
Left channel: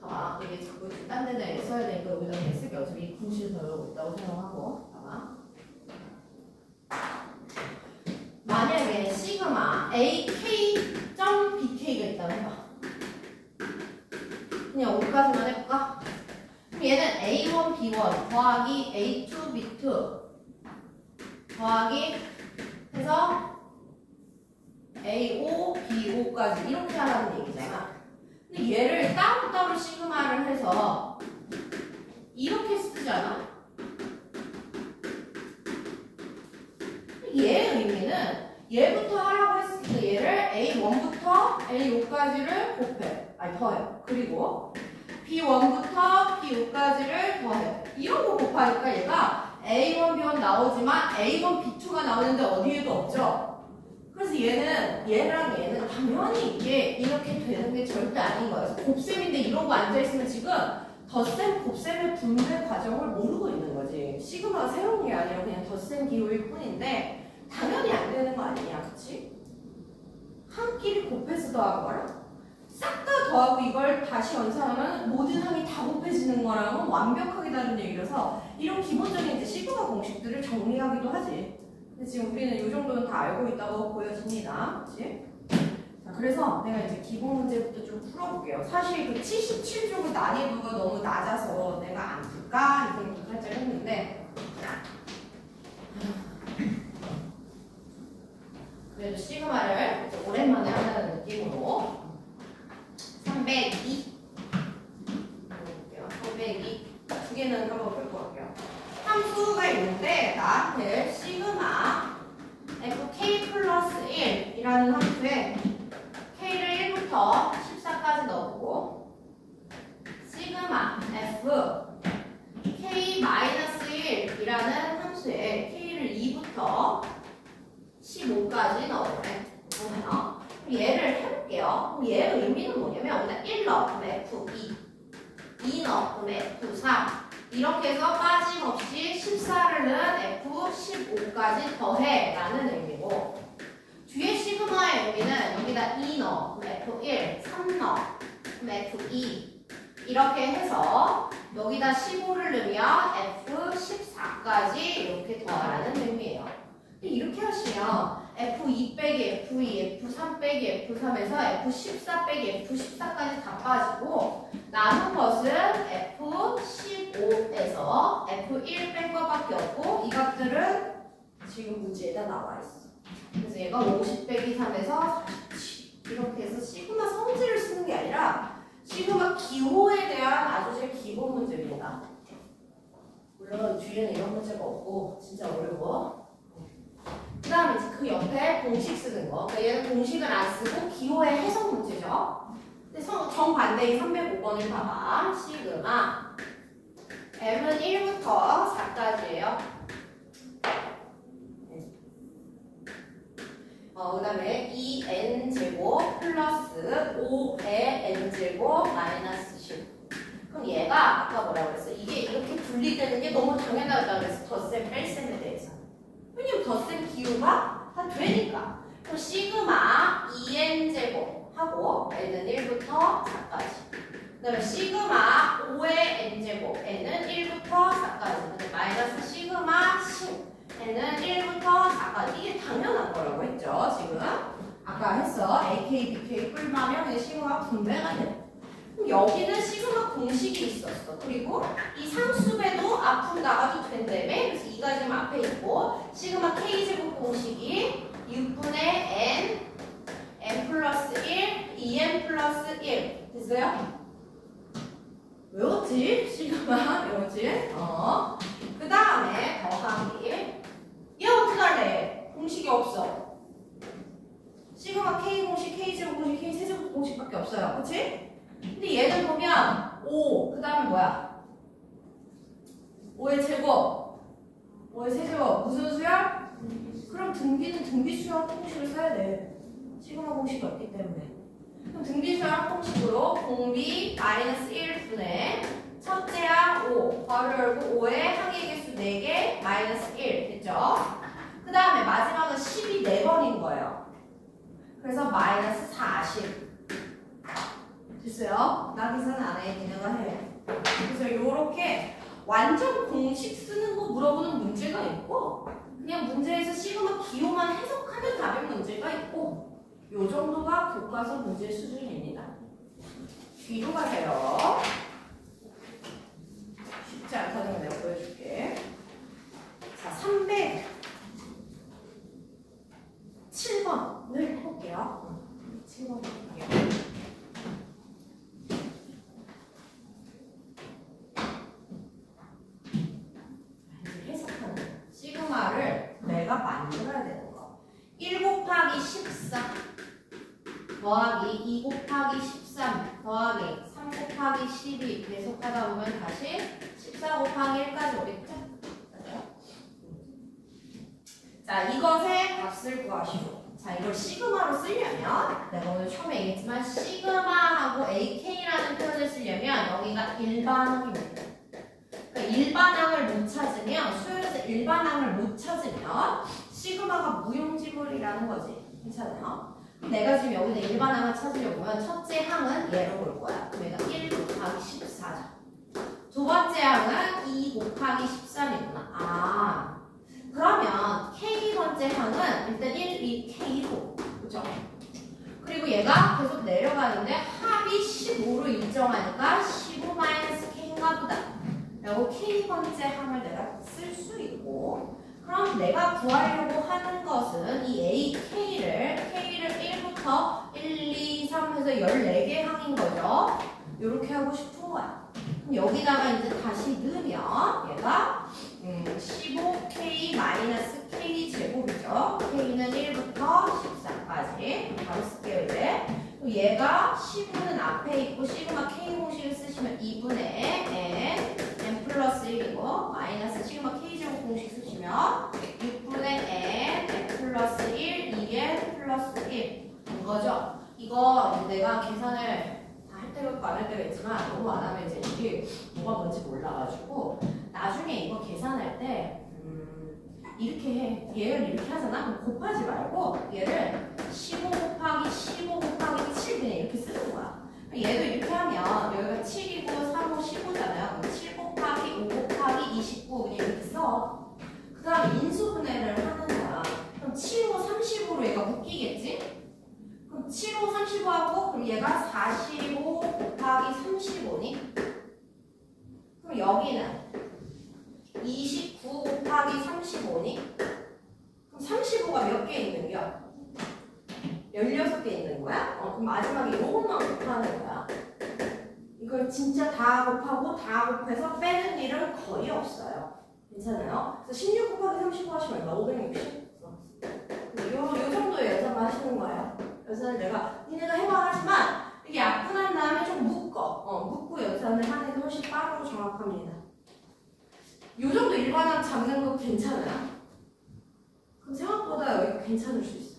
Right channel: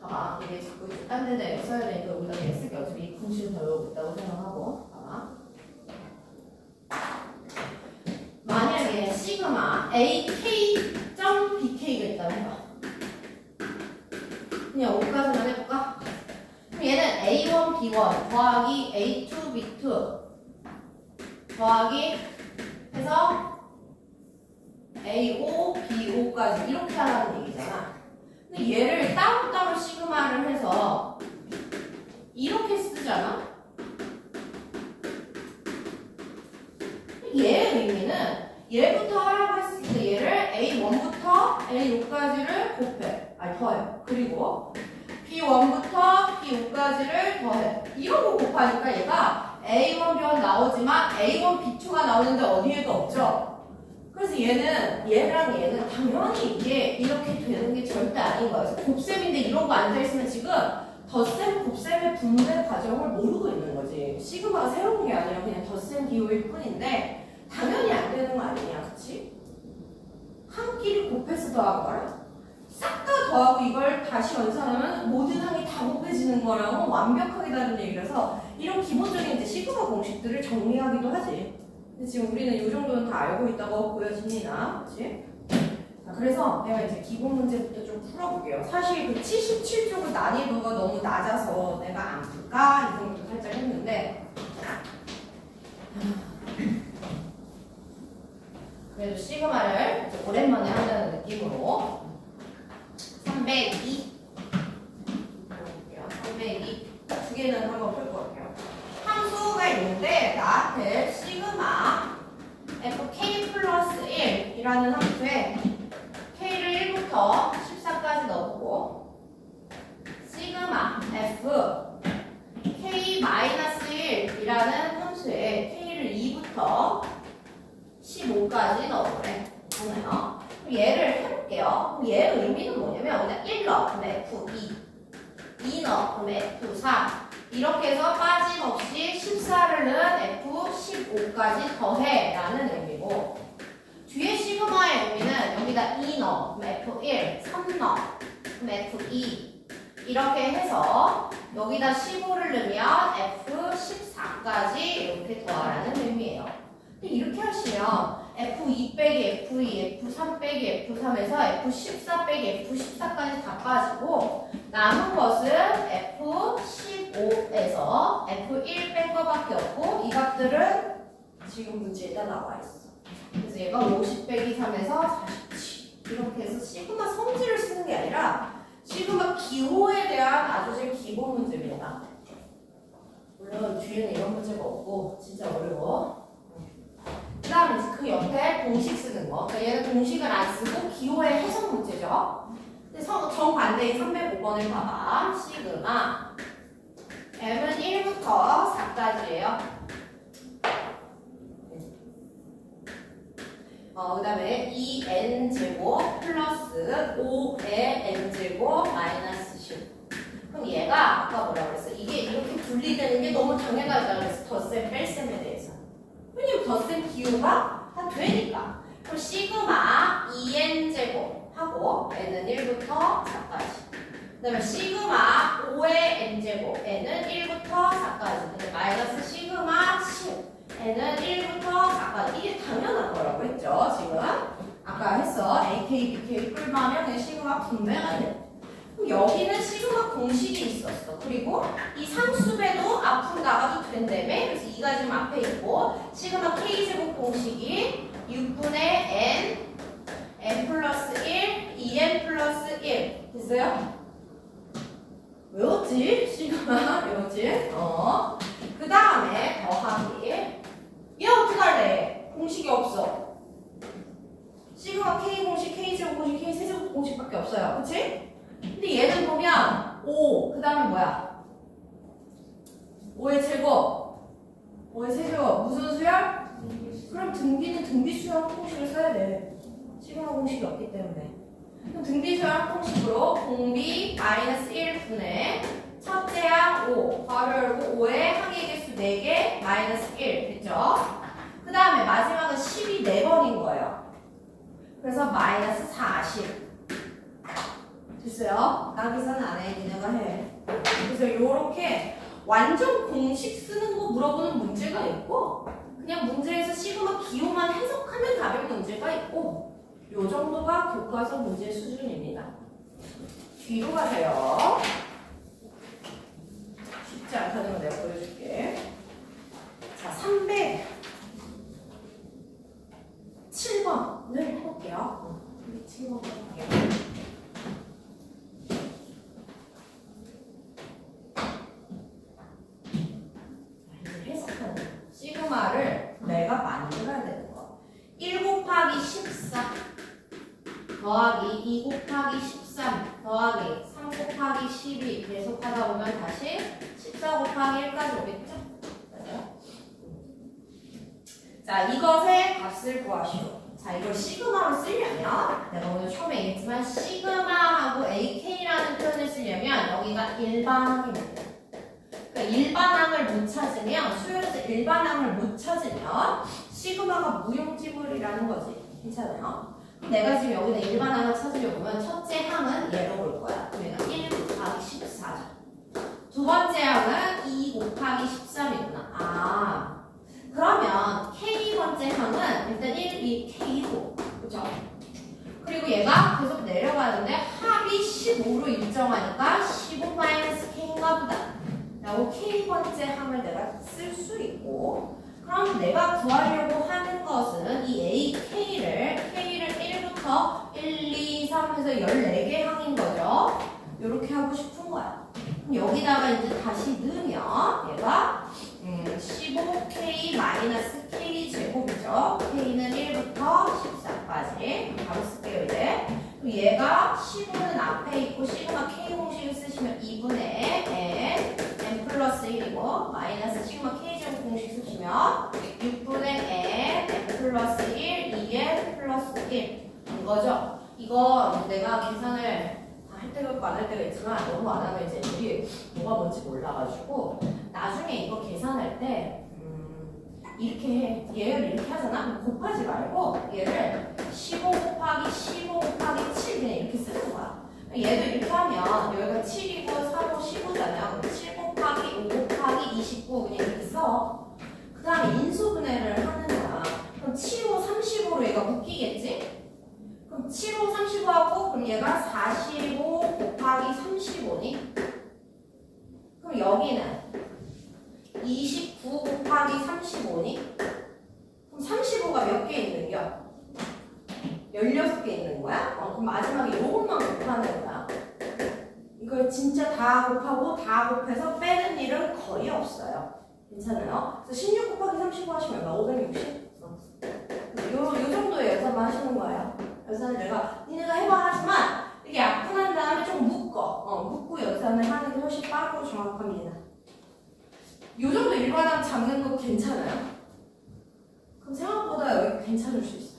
봐봐. 이게 자꾸 딴 데다 써야 되니까 여기다 쓰기 어차피 공식 배우고 있다고 생각하고 봐봐. 만약에 시그마 AK.BK가 있다고 해봐. 그냥 5까지만 해볼까? 그럼 얘는 A1, B1 더하기 A2, B2 더하기 해서 A5, B5까지 이렇게 하라는 얘기잖아. 근데 얘를 따로따로 시그마를 해서 이렇게 쓰잖아? 얘의 의미는 얘부터 하라고 했을 때 얘를 A1부터 A5까지를 곱해. 아니 더해. 그리고 B1부터 B5까지를 더해. 이런 거 곱하니까 얘가 A1, B1 나오지만 A1, B2가 나오는데 어디에도 없죠? 그래서 얘랑 얘는 당연히 이게 이렇게 되는 게 절대 아닌 거예요. 그래서 곱셈인데 이런 거 앉아있으면 지금 덧셈, 곱셈의 분배 과정을 모르고 있는 거지. 시그마가 새로운 게 아니라 그냥 덧셈 기호일 뿐인데 당연히 안 되는 거 아니냐, 그치? 한 끼리 곱해서 더하고 말아. 싹 다 더하고 이걸 다시 연산하면 모든 항이 다 곱해지는 거랑은 완벽하게 다른 얘기라서 이런 기본적인 이제 시그마 공식들을 정리하기도 하지. 근데 지금 우리는 이 정도는 다 알고 있다고 보여집니다. 그치? 자, 그래서 내가 이제 기본 문제부터 좀 풀어볼게요. 사실 그 77쪽의 난이도가 너무 낮아서 내가 안 풀까? 이 생각도 살짝 했는데 그래도 시그마를 이제 오랜만에 한다는 느낌으로 302 볼게요. 302 두 개는 한번 풀어볼게요. 함수가 있는데 나한테 시그마 fk 플러스 1이라는 함수에 k를 1부터 14까지 넣어보고 시그마 f k 마이너스 1이라는 함수에 k를 2부터 15까지 넣어보래. 보네요. 얘를 해볼게요. 그럼 얘의 의미는 뭐냐면 여기다 1 넣으면 f2 2 넣으면 f3 이렇게 해서 빠짐없이 14를 넣은 F15까지 더해 라는 의미고 뒤에 시그마의 의미는 여기다 2 넣어 F1, 3 넣어 F2 이렇게 해서 여기다 15를 넣으면 F14까지 이렇게 더하라는 의미예요. 근데 이렇게 하시면 F2 빼기 F2, F3 빼기 F3에서 F14 빼기 F14까지 다 빠지고 남은 것은 F15에서 F1 뺀 거밖에 없고 이 값들은 지금 문제에다 나와 있어. 그래서 얘가 50 빼기 3에서 47 이렇게 해서 시그마 성질을 쓰는 게 아니라 시그마 기호에 대한 아주 제 기본 문제입니다. 물론 뒤에는 이런 문제가 없고 진짜 어려워. 그 다음에 그 옆에 공식 쓰는 거. 그러니까 얘는 공식을 안 쓰고 기호의 해석 문제죠. 근데 정반대인 305번을 봐봐. 시그마 m은 1부터 4까지예요. 그 다음에 2n제곱 플러스 5의 n제곱 마이너스 10. 그럼 얘가 아까 뭐라고 그랬어? 이게 이렇게 분리되는 게 너무 당연하다고 그랬어. 덧셈, 뺄셈에 대해서. 왜냐면 덧셈 기호가 다 되니까. 그럼 시그마 2n제곱 하고 n은 1부터 4까지. 그 다음에 시그마 5의 n제곱 n은 1부터 4까지. 근데 마이너스 시그마 10 n은 1부터 4까지. 이게 당연한 거라고 했죠. 지금 아까 했어. AK, BK 꿀마면 그냥 시그마 분배가 돼. 그럼 여기는 시그마 공식이 있었어. 그리고 이 상수배도 앞으로 나가도 된다며. 그래서 2가 지금 앞에 있고 시그마 K제곱 공식이 6분의 n 플러스 1, 2n 플러스 1 됐어요? 외웠지? 시그마 외웠지? 그 다음에 더하기 얘 어떡할래? 공식이 없어. 시그마 K 공식, K제곱 공식, K 세제곱 공식밖에 없어요. 그치? 근데 얘는 보면 5, 그 다음에 뭐야? 5의 제곱, 5의 세제곱, 무슨 수열? 그럼 등비는 등비수열 공식을 써야 돼. 시그마 공식이 없기 때문에. 그럼 등비수열 공식으로 공비 마이너스 1분의 첫째 항 5, 괄호 열고 5의 항의 개수 4개 마이너스 1 됐죠? 그 다음에 마지막은 10이 4번인 거예요. 그래서 마이너스 40 됐어요? 나 계산 안 해. 니네가 해. 그래서 이렇게 완전 공식 쓰는 거 물어보는 문제가 있고 그냥 문제에서 시그마 기호만 해석하면 답의 문제가 있고 요 정도가 교과서 문제 수준입니다. 뒤로 가세요. 쉽지 않다는 걸 내가 보여줄게. 자, 307번을 해볼게요. 307번 해볼게요. 시그마를 내가 만들어야 되는 거. 1 곱하기 14 더하기 2 곱하기 13 더하기 3 곱하기 12 계속하다 보면 다시 14 곱하기 1까지 오겠죠? 맞아요? 자, 이것의 값을 구하시오. 자, 이걸 시그마로 쓰려면 내가 오늘 처음에 얘기했지만 시그마하고 AK라는 표현을 쓰려면 여기가 일반항입니다. 일반항을 못 찾으면 수열에서 일반항을 못 찾으면 시그마가 무용지물이라는 거지. 괜찮아요? 내가 지금 여기다 일반항을 찾으려고 하면 첫째 항은 얘로 볼 거야. 그러니까 1 곱하기 14죠. 두 번째 항은 2 곱하기 13이구나. 아, 그러면 K번째 항은 일단 1, 2, K로 그죠? 그리고 얘가 계속 내려가는데 합이 15로 일정하니까 15-K인가 보다. 라고 K번째 항을 내가 쓸 수 있고 그럼 내가 구하려고 하는 것은 이 AK를 K를 1부터 1, 2, 3 해서 14개 항인 거죠. 이렇게 하고 싶은 거야. 그럼 여기다가 이제 다시 넣으면 얘가 15K-K 제곱이죠. K는 1부터 14까지 바로 쓸게요 이제. 그럼 얘가 15는 앞에 있고 시그마 K 공식을 쓰시면 2분의 n 플러스 1이고 마이너스 시그마 K제곱 공식 쓰시면 6분의 n 플러스 1, 2n 플러스 1 이거죠. 이거 내가 계산을 다 할 때가 있고 안 할 때가 있지만 너무 안 하면 이제 우리 뭐가 뭔지 몰라가지고 나중에 이거 계산할 때 이렇게 해. 얘를 이렇게 하잖아? 그럼 곱하지 말고 얘를 15 곱하기 15 곱하기 7 그냥 이렇게 쓰는 거야. 얘도 이렇게 하면 여기가 7이고 3, 5, 15잖아요. 그럼 7 곱하기 5 곱하기 29 그냥 이렇게 써. 그 다음에 인수분해를 하는 거야. 그럼 7, 5, 35로 얘가 묶이겠지? 그럼 7, 5, 35하고 그럼 얘가 45 곱하기 35니? 그럼 여기는 29 곱하기 35니? 그럼 35가 몇 개 있는 거야? 16개 있는 거야? 그럼 마지막에 요것만 곱하는 거야. 이걸 진짜 다 곱하고 다 곱해서 빼는 일은 거의 없어요. 괜찮아요? 그래서 16 곱하기 35 하시면 얼마? 560? 요 정도의 연습만 하시는 거예요. 연습을 니네가 해봐 하지만 이게 약분한 다음에 좀 묶고 연습을 하는 게 훨씬 빠르고 정확합니다. 요 정도 일반항 잡는 거 괜찮아요? 그럼 생각보다 여기 괜찮을 수 있어요.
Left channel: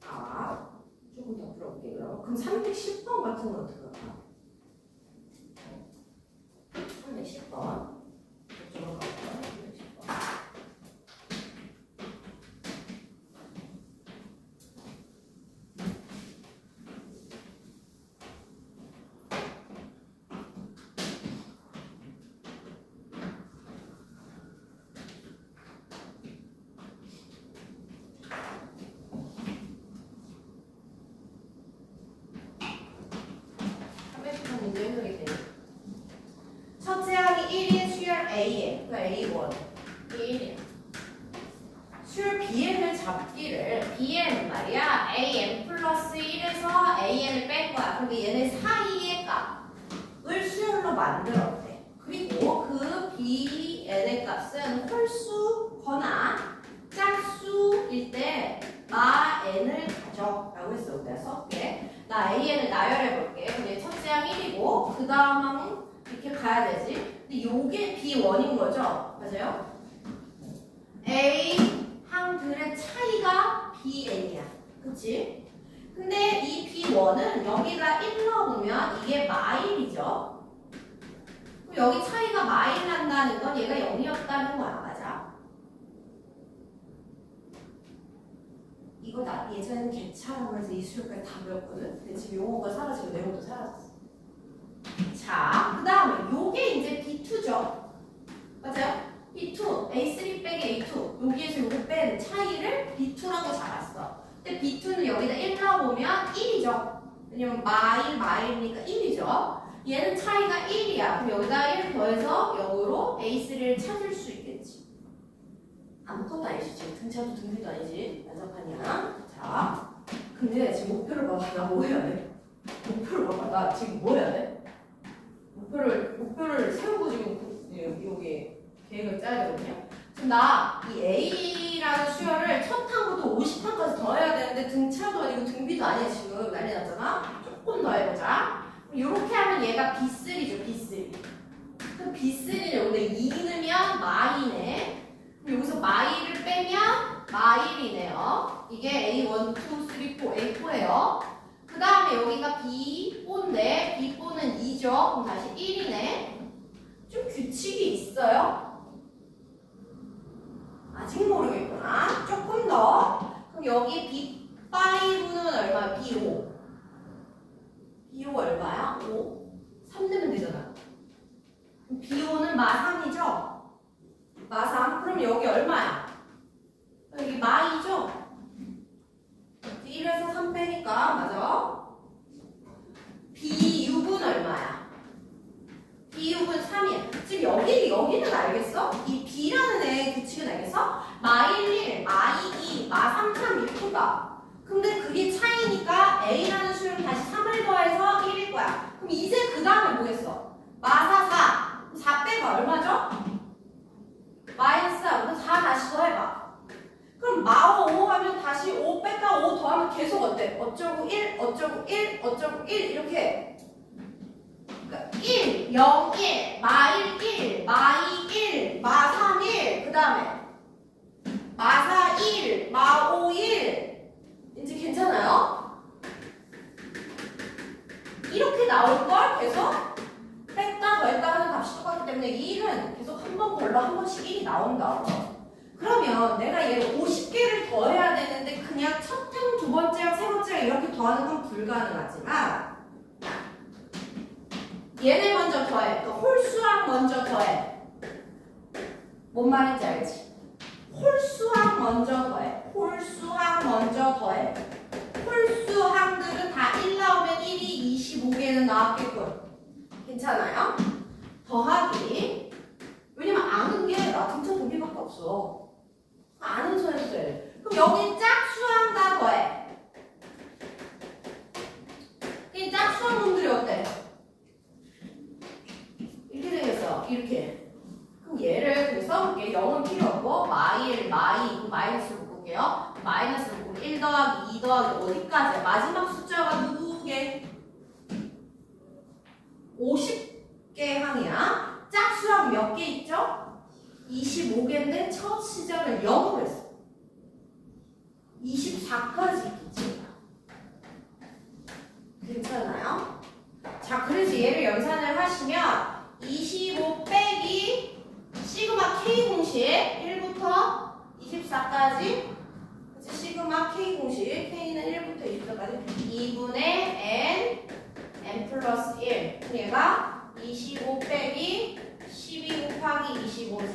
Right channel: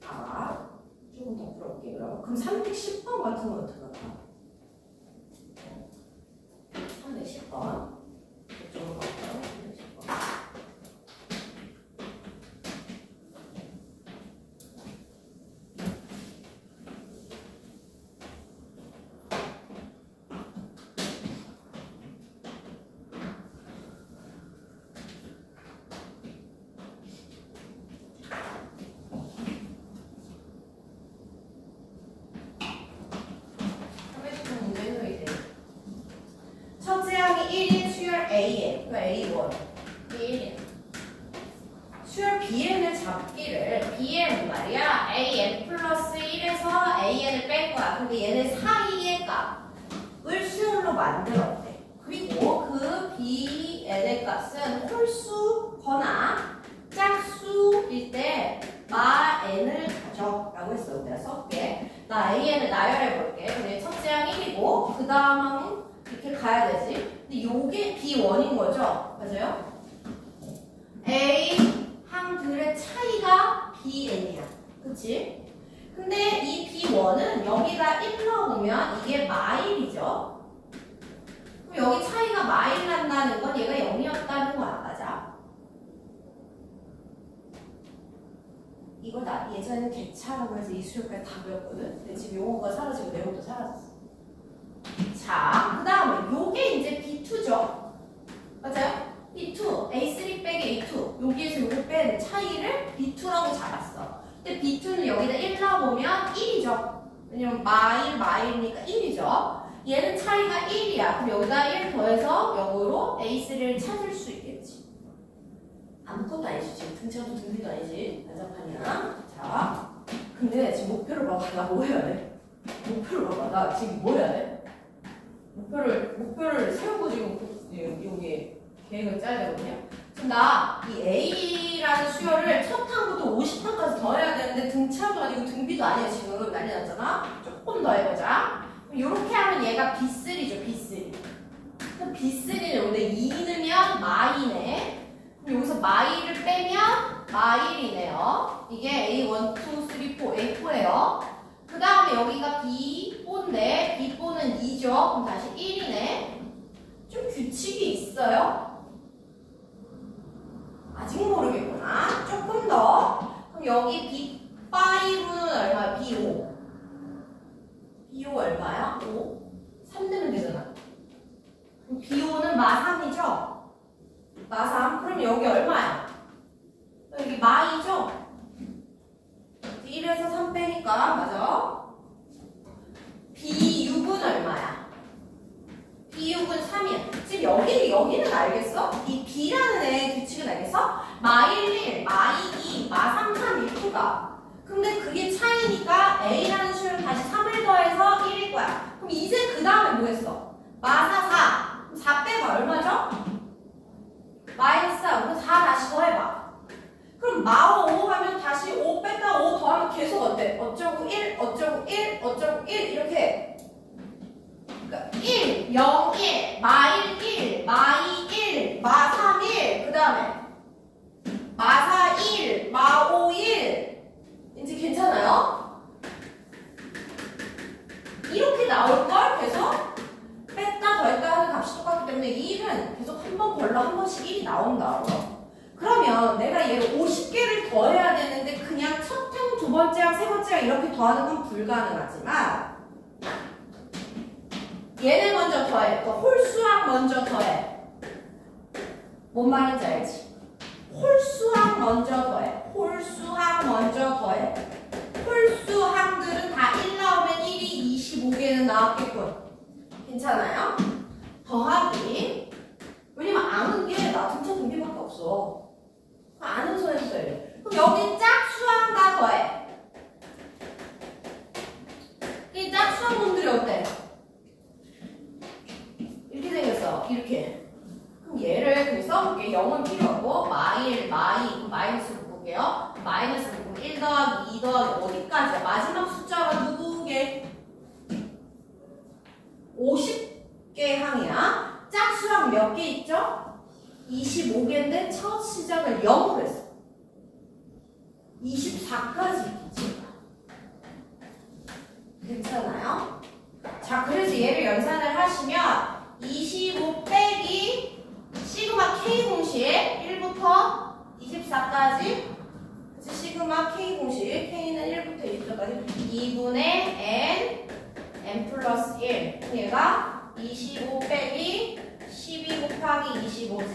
자, 조금 더 풀어볼게요. 그럼 310번 같은 건 어떻게 할까? 310번. 이쪽으로 갈까요? 310번. 1인 수열 A에 그 A1 1이야. 수열 BN을 잡기를 BN 말이야 AN 플러스 1에서 AN을 뺄 거야. 근데 얘네 사이의 값을 수열로 만들었대. 그리고 그 BN의 값은 홀수거나 짝수일 때 마 n을 가져 라고 했어. 내가 써볼게. 나 AN을 나열해볼게. 근데 첫째항 1이고 그 다음은 이렇게 가야 되지. 근데 요게 B1인 거죠? 맞아요? A 항들의 차이가 BN이야. 그치? 근데 이 B1은 여기다 1 넣으면 이게 마일이죠? 그럼 여기 차이가 마일 난다는 건 얘가 0이었다는 거야. 맞아? 이거 나 예전에 개차라고 해서 이 수요까지 다 배웠거든? 근데 지금 용어가 사라지고 내용도 사라졌어. 자, 그 다음에 요게 이제 B2죠? 맞아요? B2, A3 빼기 A2 여기에서 요거 뺀 차이를 B2라고 잡았어. 근데 B2는 여기다 1 넣어보면 1이죠. 왜냐면 마일이니까 1이죠. 얘는 차이가 1이야. 그럼 여기다 1 더해서 역으로 A3를 찾을 수 있겠지. 아무것도 아니지. 지금 등차도 등비도 아니지. 난장판이야. 자, 근데 지금 목표를 봐봐. 나 뭐 해야 돼? 목표를 봐봐. 나 지금 뭐 해야 돼? 목표를 세우고 지금 여기 계획을 짜야 되거든요. 지금 나 이 A라는 수열을 첫 항부터 50항까지 더 해야 되는데 등차도 아니고 등비도 아니야. 지금 난리 났잖아. 조금 더 해보자. 이렇게 하면 얘가 B3죠. B3. 그럼 B3는 여기다 2 넣으면 마이네. 그럼 여기서 마이를 빼면 마일이네요. 이게 A1, 2, 3, 4, A4예요. 그 다음에 여기가 B4인데 B4는 2죠. 그럼 다시 1이네. 좀 규칙이 있어요? 아직 모르겠구나. 조금 더. 그럼 여기 B5는 얼마야? B5. B5 얼마야? 5? 3 되면 되잖아. 그럼 B5는 마3이죠? 마3. 그럼 여기 얼마야? 여기 마2죠? 1에서 3 빼니까 맞아? B6은 얼마야? B6은 3이야. 지금 여기는 알겠어? 이 B라는 애 규칙은 알겠어? 마1, 1, 마2, 2, 마3, 3 이렇게 가. 근데 그게 차이니까 A라는 수를 다시 3을 더해서 1일 거야. 그럼 이제 그 다음에 뭐겠어? 마4, 4. 4 빼봐. 얼마죠? 마이너스 4. 그럼 4 다시 더해봐. 그럼 마5 하면 다시 5 뺐다 5 더하면 계속 어때? 어쩌고 1, 어쩌고 1, 어쩌고 1 이렇게. 그러니까 1, 0, 1, 마1, 1, 마2, 1, 마3, 1. 그 다음에 마4, 1, 마5, 1. 이제 괜찮아요? 이렇게 나올걸? 계속 뺐다 더했다 하는 값이 똑같기 때문에 1은 계속 한 번 걸러 한 번씩 1이 나온다. 그러면 내가 얘를 50개를 더해야 되는데 그냥 첫 항, 두 번째 항, 세 번째 항 이렇게 더하는 건 불가능하지만 얘를 먼저 더해. 그러니까 홀수항 먼저 더해. 뭔 말인지 알지? 홀수항 먼저 더해. 홀수항 먼저 더해. 홀수항들은 다 1 나오면 1이 25개는 나왔겠군. 괜찮아요? 더하기. 왜냐면 아는 게 나 등차 등비밖에 없어. 아는 선에서 써야 돼. 그럼 여기 짝수항 다 더해. 이 짝수항 놈들이 어때? 이렇게 생겼어. 이렇게. 그럼 얘를 그냥 써볼게. 0은 필요 없고 마1, 마2 마이너스로 볼게요. 마이너스로 보면 1 더하기 2 더하기 어디까지야? 마지막 숫자가 누구게? 50개 항이야. 짝수항 몇 개 있죠? 25개인데 첫 시작을 0으로 했어. 24까지 있겠지. 괜찮아요? 자, 그래서 얘를 연산을 하시면 25 빼기 시그마 K 공식 1부터 24까지 시그마 K 공식 K는 1부터 24까지 2분의 N 플러스 1 얘가 25 빼기 12 곱하기 25지.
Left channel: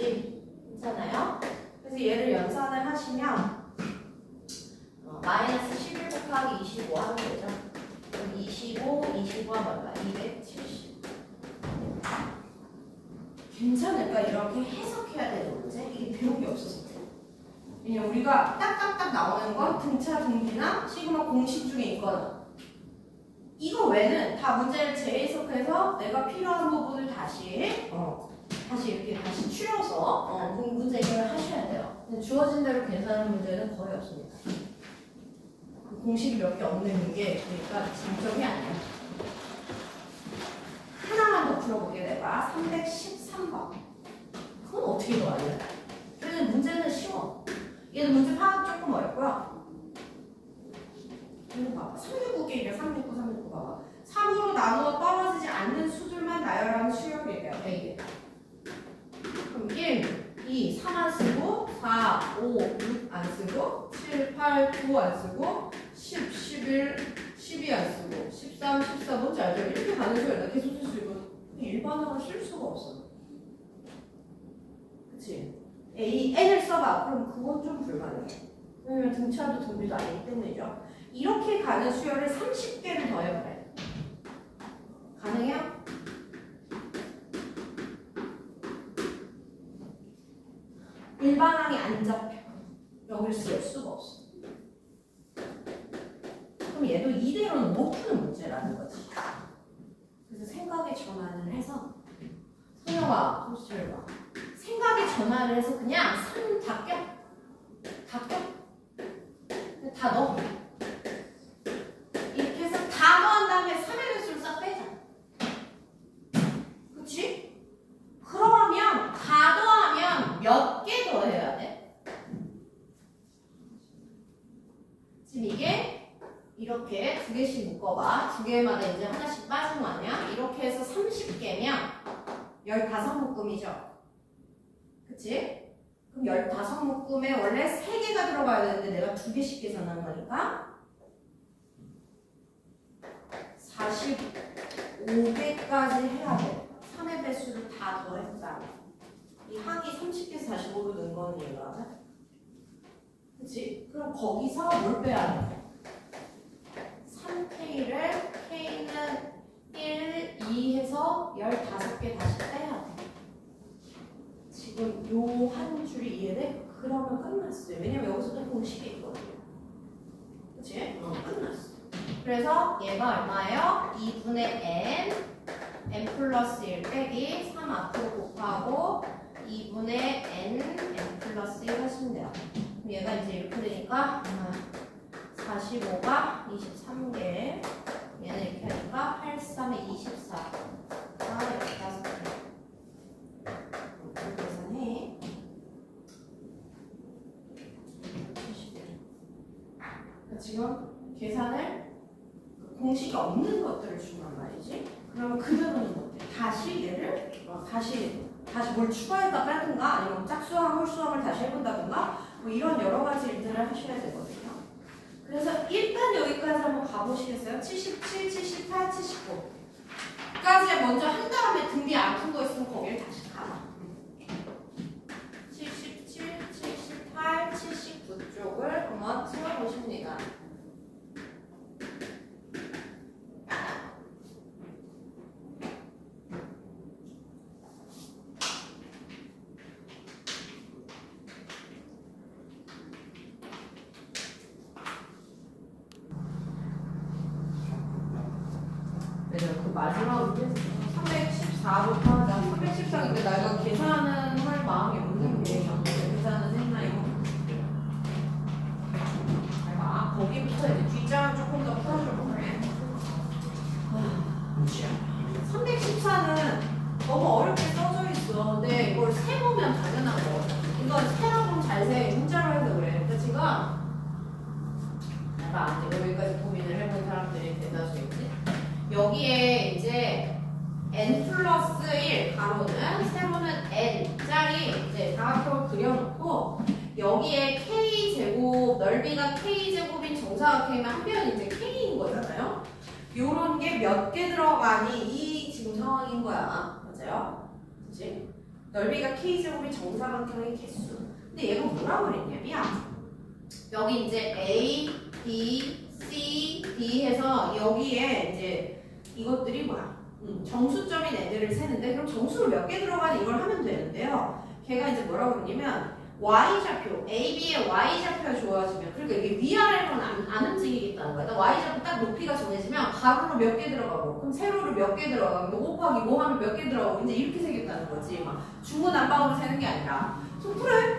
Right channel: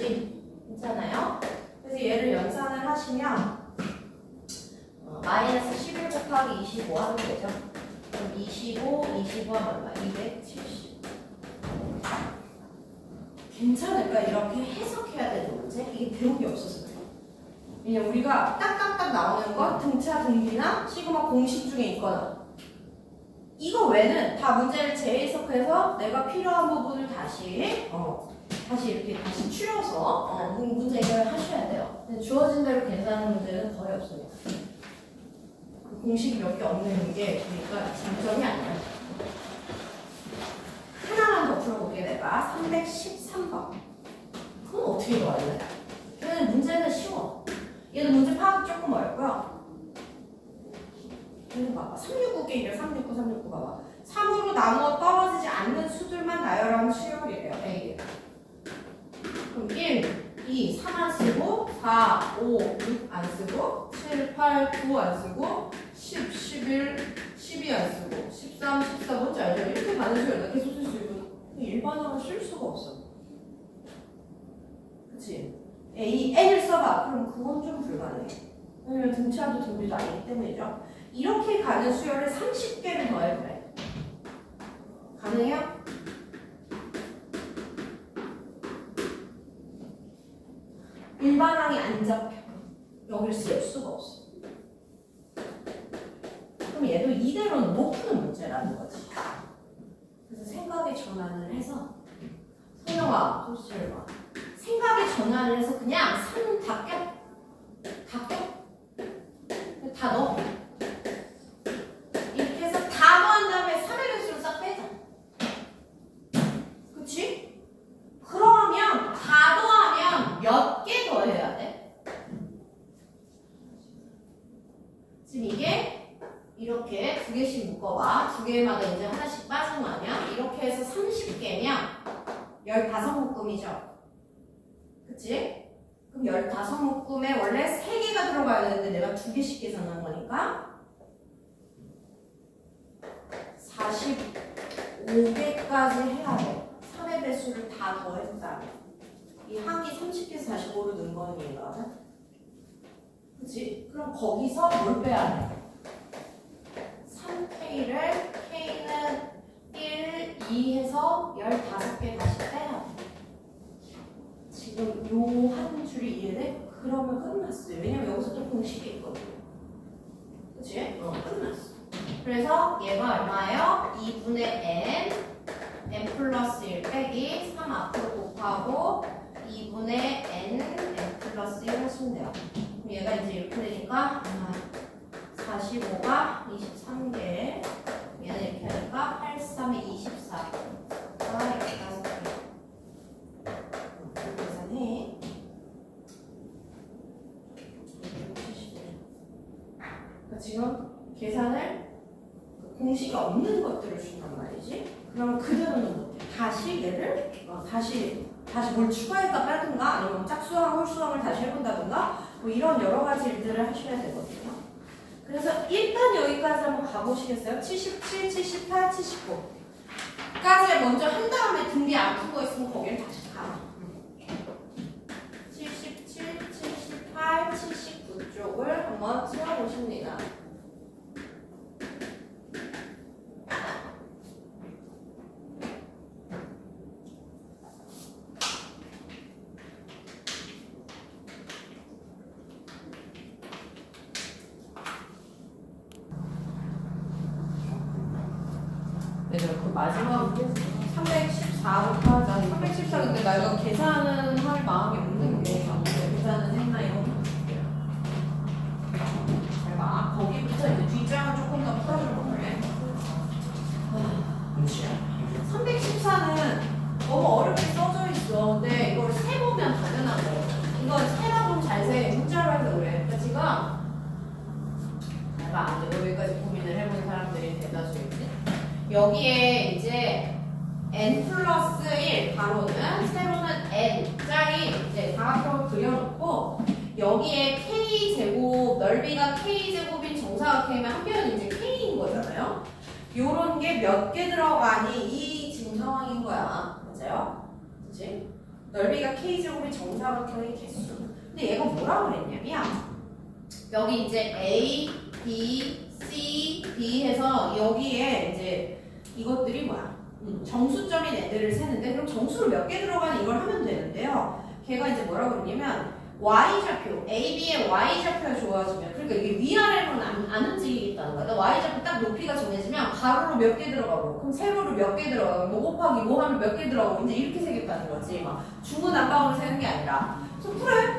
괜찮아요? 그래서 얘를 연산을 하시면 마이너스 11 곱하기 25 하면 되죠. 그럼 25 하면 얼마? 270. 괜찮을까? 이렇게 해석해야 되는 문제? 이게 배운 게 없어서 그래요. 왜냐면 우리가 딱딱딱 나오는 건 등차, 등비나 시그마 공식 중에 있거나 이거 외는 다 문제를 재해석해서 내가 필요한 부분을 다시 이렇게 다시 추려서 문제 해결을 하셔야 돼요. 근데 주어진 대로 계산하는 문제는 거의 없습니다. 그 공식이 몇 개 없는 게 그러니까 장점이 아니에요. 하나만 더 풀어볼게 내가. 313번. 그건 어떻게 도와줄래? 걔는 문제는 쉬워. 얘는 문제 파악이 조금 어렵고요. 얘는 봐봐. 369개 369 봐봐. 3으로 나누어 떨어지지 않는 수들만 나열하는 수열이래요. A에. 그럼 1, 2, 3 안 쓰고 4, 5, 6 안 쓰고 7, 8, 9 안 쓰고 10, 11, 12 안 쓰고 13, 14 뭔지 알죠? 이렇게 가는 수열이다. 계속 쓸 수 있고 일반항을 쓸 수가 없어. 그치? A, N을 써봐. 그럼 그건 좀 불가능해. 왜냐면 등차도 등비도 아니기 때문이죠. 이렇게 가는 수열을 30개를 더해봐요. 가능해요? 일반항이 안 잡혀. 여길 쓸 수가 없어. 그럼 얘도 이대로는 못 푸는 문제라는 거지. 그래서 생각의 전환을 해서 성영아, 소시를 봐. 생각의 전환을 해서 그냥 3 다 껴. 다 껴. 다 넣어. 이렇게 해서 다 더한 다음에 3의 배수를 싹 빼자. 그치? 그러면 다 더하면 몇 개 더해야 돼? 지금 이게 이렇게 두 개씩 묶어봐. 두 개마다 이제 하나씩 빠진 거 아니야? 이렇게 해서 30개면 15묶음이죠. 그치? 그럼 15묶음에 원래 3개가 들어가야 되는데 내가 2개씩 계산한 거니까 45개까지 해야 돼. 3의 배수를 다 더했다. 이 항이 30개에서 45로 는 거니까. 그치? 그럼 거기서 뭘 빼야 돼? 3K를 K는 1, 2 해서 15개 다시 빼야 돼. 지금 요 한 줄이 이해돼? 그러면 끝났어요. 왜냐면 여기서 또 공식이 있거든요. 그치? 끝났어. 그래서 얘가 얼마예요? 2분의 n 플러스 1 빼기 3 앞으로 곱하고 2분의 n 플러스 1 하시면 돼요. 그럼 얘가 이제 이렇게 되니까 45가 23개, 얘는 이렇게 하니까 8, 3에 24가 15개. 계산해. 그러니까 지금 계산을 공식이 없는 것들을 준단 말이지. 그러면 그대로는 못해. 다시 얘를 다시 뭘 추가해서 빼든가 아니면 짝수항, 홀수항을 다시 해본다든가 뭐 이런 여러 가지 일들을 하셔야 되거든요. 그래서 일단 여기까지 한번 가보시겠어요? 77, 78, 79까지 먼저 한 다음에 등비 안 푼 거 있으면 거기를 다시 가봐. 77, 78, 79 쪽을 한번 세워보십니다. 마지막 314부터 하자. 314 근데 나 이거 계산은 할 마음이 없는 게 계산은 했나 이거. 내가 거기부터 이제 뒷장을 조금 더 풀어줄 거네. 314는 너무 어렵게 써져 있어. 근데 이걸 세보면 당연한 거. 이거 세다 보면 잘 세. 문자로 해서 그래. 그러니까 지금 내가 안 돼. 여기까지 고민을 해본 사람들이 대다수겠지. 여기에 이제 n 플러스 1 가로는 세로는 n 짝이 이제 다각형을 그려놓고 여기에 k 제곱 넓이가 k 제곱인 정사각형이면 한편은 이제 k인 거잖아요. 요런 게 몇 개 들어가니 이 지금 상황인 거야. 맞아요? 그치? 넓이가 k 제곱인 정사각형의 개수. 근데 얘가 뭐라고 그랬냐면 여기 이제 A, B, C, D 해서 여기에 이제 이것들이 뭐야? 정수점인 애들을 세는데 그럼 정수로 몇 개 들어가는 이걸 하면 되는데요. 걔가 이제 뭐라고 그러냐면 y좌표, AB의 y좌표가 좋아지면 그러니까 이게 위아래로는 안 움직이겠다는 거야. 그러니까 y좌표 딱 높이가 정해지면 가로로 몇 개 들어가고 그럼 세로로 몇 개 들어가고 뭐 곱하기 뭐 하면 몇 개 들어가고 이제 이렇게 세겠다는 거지. 막 중구난방으로 세는 게 아니라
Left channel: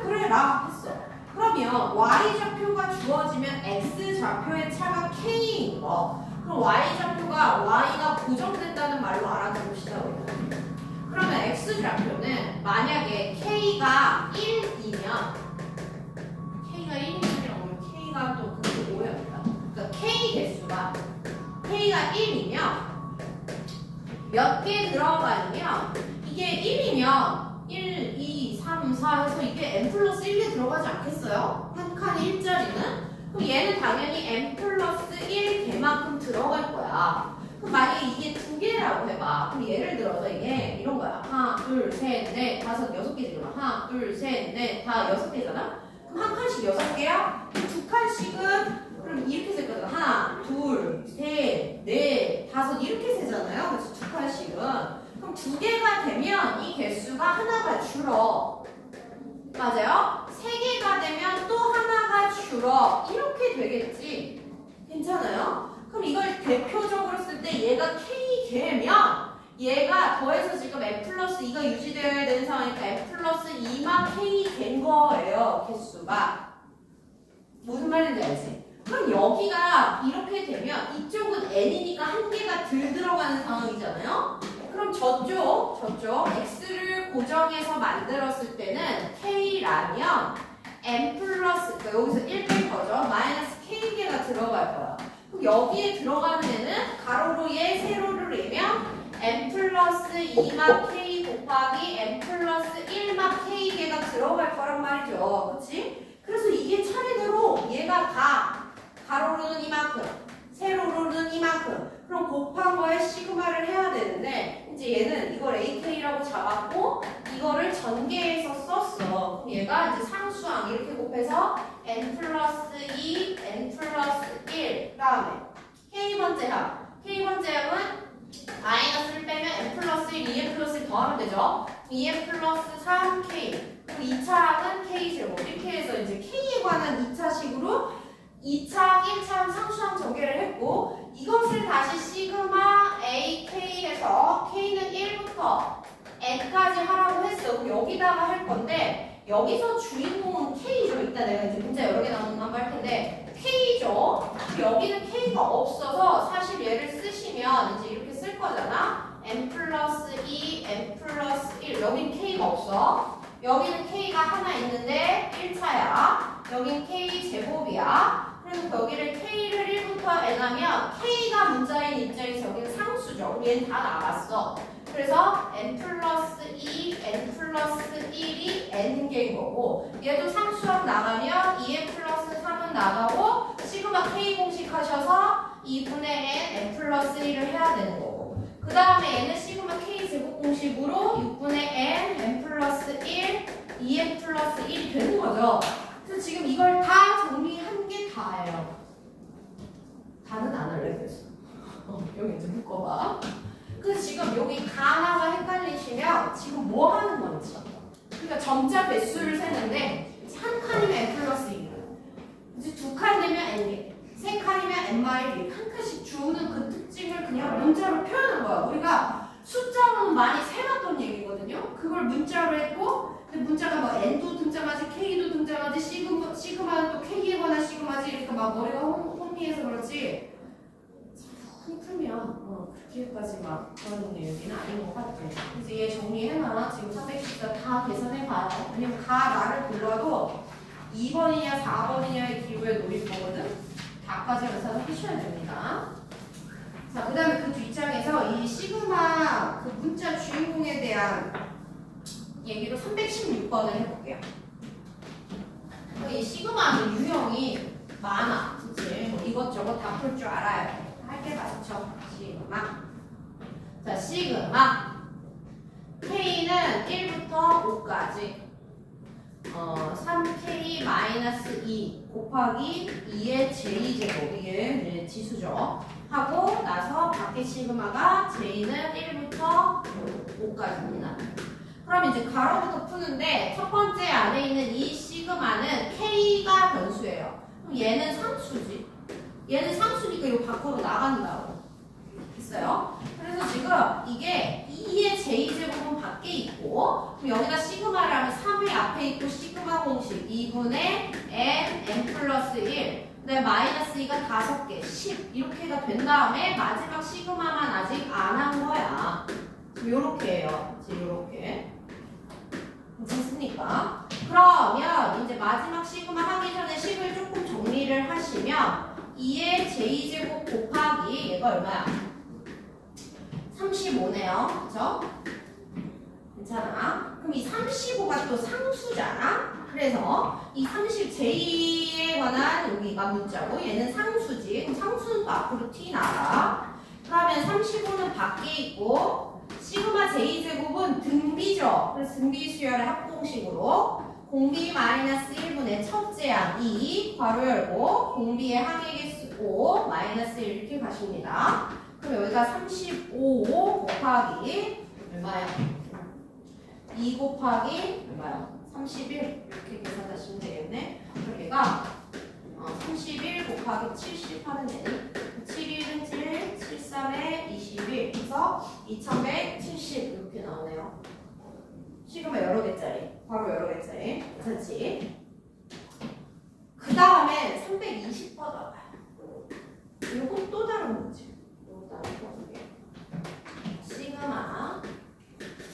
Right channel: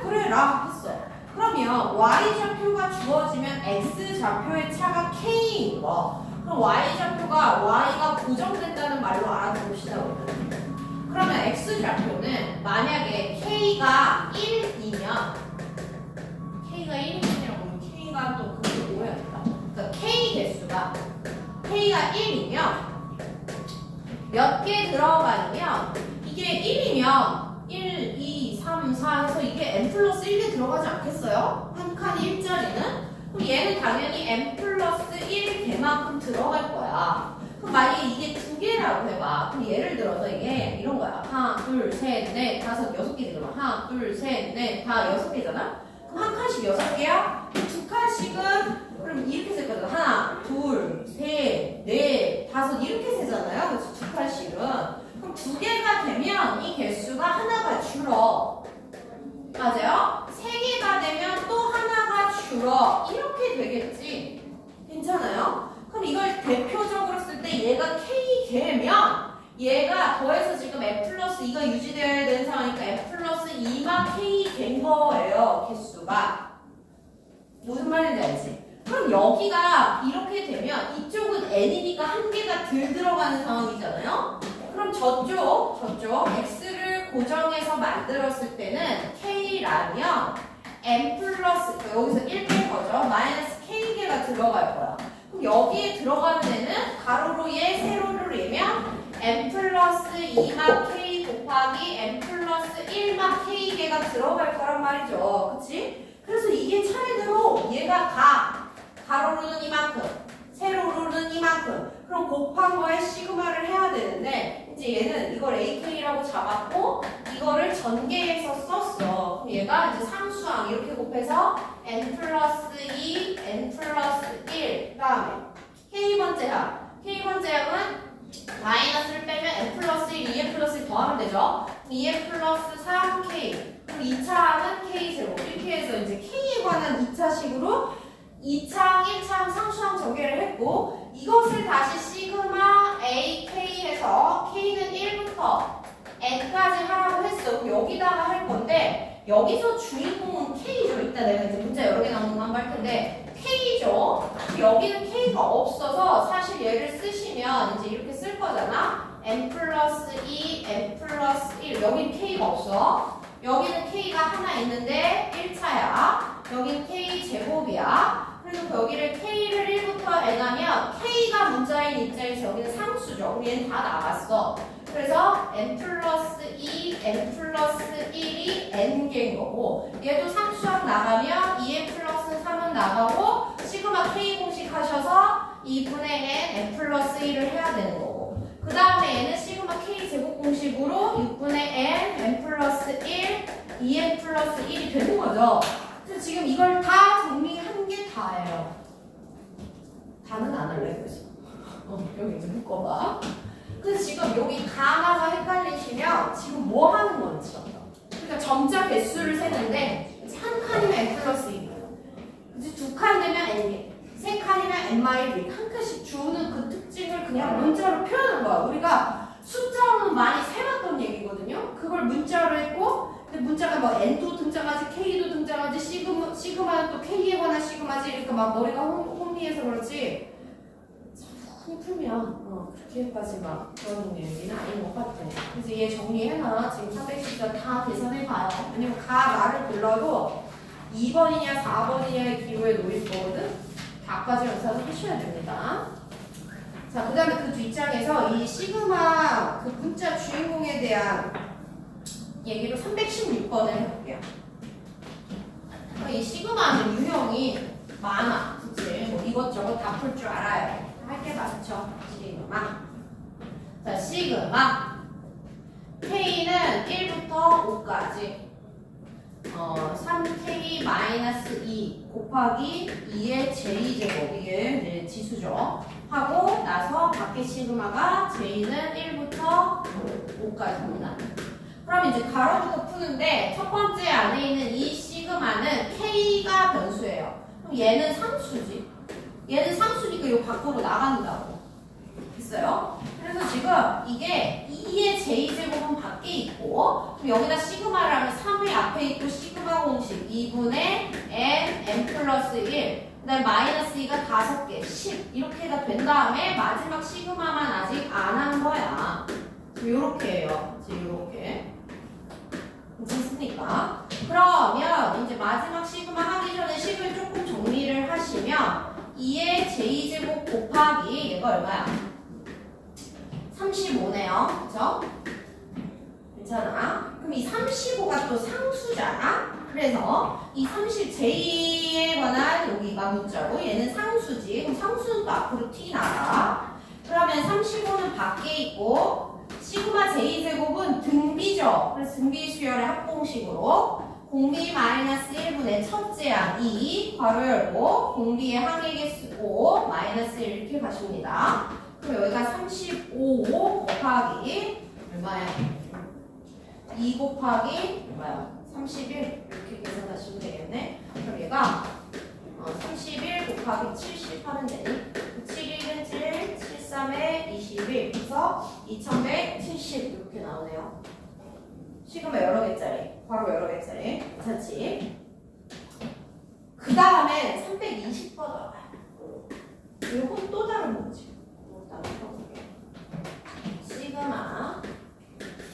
그래 라 했어. 그러면 y좌표가 주어지면 x좌표의 차가 k인 거. 그럼 y좌표가 y가 고정됐다는 말로 알아봅시다. 그러면 x좌표는 만약에 k가 1이면 k가 1이면 k가 또 그게 오해합니다. 그러니까 k 개수가 k가 1이면 몇 개 들어가냐면 이게 1이면 1, 2, 3, 4 해서 이게 n 플러스 1개 들어가지 않겠어요? 한 칸이 1짜리는? 그럼 얘는 당연히 n 플러스 1개만큼 들어갈 거야. 그럼 만약에 이게 두 개라고 해봐. 그럼 예를 들어서 이게 이런 거야. 하나, 둘, 셋, 넷, 다섯, 여섯 개잖아. 하나, 둘, 셋, 넷, 다 여섯 개잖아? 그럼 한 칸씩 여섯 개야? 두 칸씩은 그럼 이렇게 셀 거잖아. 하나, 둘, 셋, 넷, 다섯 이렇게 세잖아요. 그래서 두 칸씩은. 그럼 두 개가 되면 이 개수가 하나가 줄어. 맞아요? 세 개가 되면 또 하나가 줄어. 이렇게 되겠지. 괜찮아요? 그럼 이걸 대표적으로 쓸 때 얘가 k 개면 얘가 더해서 지금 f 플러스 2가 유지되어야 되는 상황이니까 f 플러스 2만 k 된 거예요. 개수가. 무슨 말인지 알지? 그럼 여기가 이렇게 되면 이쪽은 n이니까 한 개가 덜 들어가는 상황이잖아요. 그럼 저쪽 x를 고정해서 만들었을 때는 k라면 n 플러스 여기서 1 뺀 거죠. 마이너스 k개가 들어갈 거야. 그럼 여기에 들어가는 애는 가로로 얘 세로를 내면 n 플러스 2만 k 곱하기 n 플러스 1만 k개가 들어갈 거란 말이죠. 그치? 그래서 이게 차례대로 얘가 가로로는 이만큼 세로로는 이만큼 그럼 곱한 거에 시그마를 해야 되는데 이제 얘는 이걸 AK라고 잡았고 이거를 전개해서 썼어. 그럼 얘가 이제 상수항 이렇게 곱해서 n 플러스 2, n 플러스 1 다음에 K번째 항 K번째 항은 마이너스를 빼면 n 플러스 1, 2n 플러스 1 더하면 되죠. 2n 플러스 3K 그럼 2차 항은 K0 이렇게 해서 이제 K에 관한 2차식으로 2차항, 1차항 상수항 전개를 했고 이것을 다시 시그마 AK 해서 K는 1부터 N까지 하라고 했어. 그럼 여기다가 할 건데 여기서 주인공은 K죠. 이따 내가 이제 문자 여러 개 나오는 거 한번 할 텐데 K죠. 여기는 K가 없어서 사실 얘를 쓰시면 이제 이렇게 쓸 거잖아. N 플러스 2, N 플러스 1 여기는 K가 없어. 여기는 K가 하나 있는데 1차야. 여긴 K 제곱이야. 그래서 여기를 K를 1부터 N하면 K가 문자인 입장에서 여기는 상수죠. 그럼 얘는 다 나갔어. 그래서 N 플러스 2, N 플러스 1이 N개인 거고 얘도 상수항 나가면 2N 플러스 3은 나가고 시그마 K 공식 하셔서 2분의 N 플러스 1을 해야 되는 거고 그 다음에 얘는 시그마 K 제곱 공식으로 6분의 N 플러스 1, 2N 플러스 1이 되는 거죠. 그래서 지금 이걸 다 정리한 게 다예요. 다는 안 할래 그래서. 여기 이제 묶어봐. 그래서 지금 여기 가나가 헷갈리시면 지금 뭐 하는 건지. 그러니까 점자 배수를 세는데 한 칸이면 n 플러스 1이고 이제 두 칸 되면 n개, 세 칸이면 n 마일 1. 한 칸씩 주는 그 특징을 그냥 문자로 표현한 거야. 우리가 숫자로는 많이 세봤던 얘기거든요. 그걸 문자로 했고 근데 문자가 뭐 n도 등장하지 K도 등장하지 시그마는 또 K에 관한 시그마지 이렇게 막 머리가 혼미해서 그렇지 참 풀면 그렇게까지 막 그런 얘기는 아닌 것 같아. 그래서 얘 정리해놔. 지금 314 다 계산해봐요. 왜냐면 말을 불러도 2번이냐 4번이냐의 기호에 놓일 거거든. 다까지 연습을 하셔야 됩니다. 자, 그 다음에 그 뒷장에서 이 시그마 그 문자 주인공에 대한 얘기로 316번을 해볼게요. 이 시그마는 유형이 많아. 그치? 뭐 이것저것 다 풀 줄 알아야 돼. 할 게 많죠. 시그마. 자, 시그마. K는 1부터 5까지. 3K-2 곱하기 2의 J제곱. 이게 이제 지수죠. 하고 나서 밖에 시그마가 J는 1부터 5까지입니다. 그럼 이제 가로부터 푸는데 첫 번째 안에 있는 이 시그마는 K가 변수예요. 그럼 얘는 상수지. 얘는 상수니까 이거 밖으로 나간다고. 됐어요? 그래서 지금 이게 2의 J제곱은 밖에 있고 그럼 여기다 시그마를 하면 3이 앞에 있고 시그마 공식 2분의 n 플러스 1 그 다음에 마이너스 2가 5개 10 이렇게가 된 다음에 마지막 시그마만 아직 안 한 거야. 지금 요렇게 해요. 지금 요렇게. 괜찮습니까? 그러면 이제 마지막 시그마 하기 전에 식을 조금 정리를 하시면 2의 J제곱 곱하기 얘가 얼마야? 35네요. 그쵸? 괜찮아? 그럼 이 35가 또 상수잖아? 그래서 이 30J에 관한 여기가 문자고 얘는 상수지. 그럼 상수는 또 앞으로 T 나가. 그러면 35는 밖에 있고 시그마 J제곱은 등비죠. 그래서 등비 수열의 합공식으로 공비 마이너스 1분의 첫째 항 2 괄호 열고 공비의 항의 개수 5 마이너스 1 이렇게 가십니다. 그럼 여기가 35 곱하기 얼마야? 2 곱하기 얼마야? 31 이렇게 계산하시면 되겠네. 그럼 얘가 31 곱하기 70 하면 되니? 7일은 7, 73에 21 그래서 2170 이렇게 나오네요. 시그마 여러 개짜리, 괄호 여러 개짜리 괜찮지? 그 다음에 320 뻗어봐요. 이건 또 다른 거지. 시그마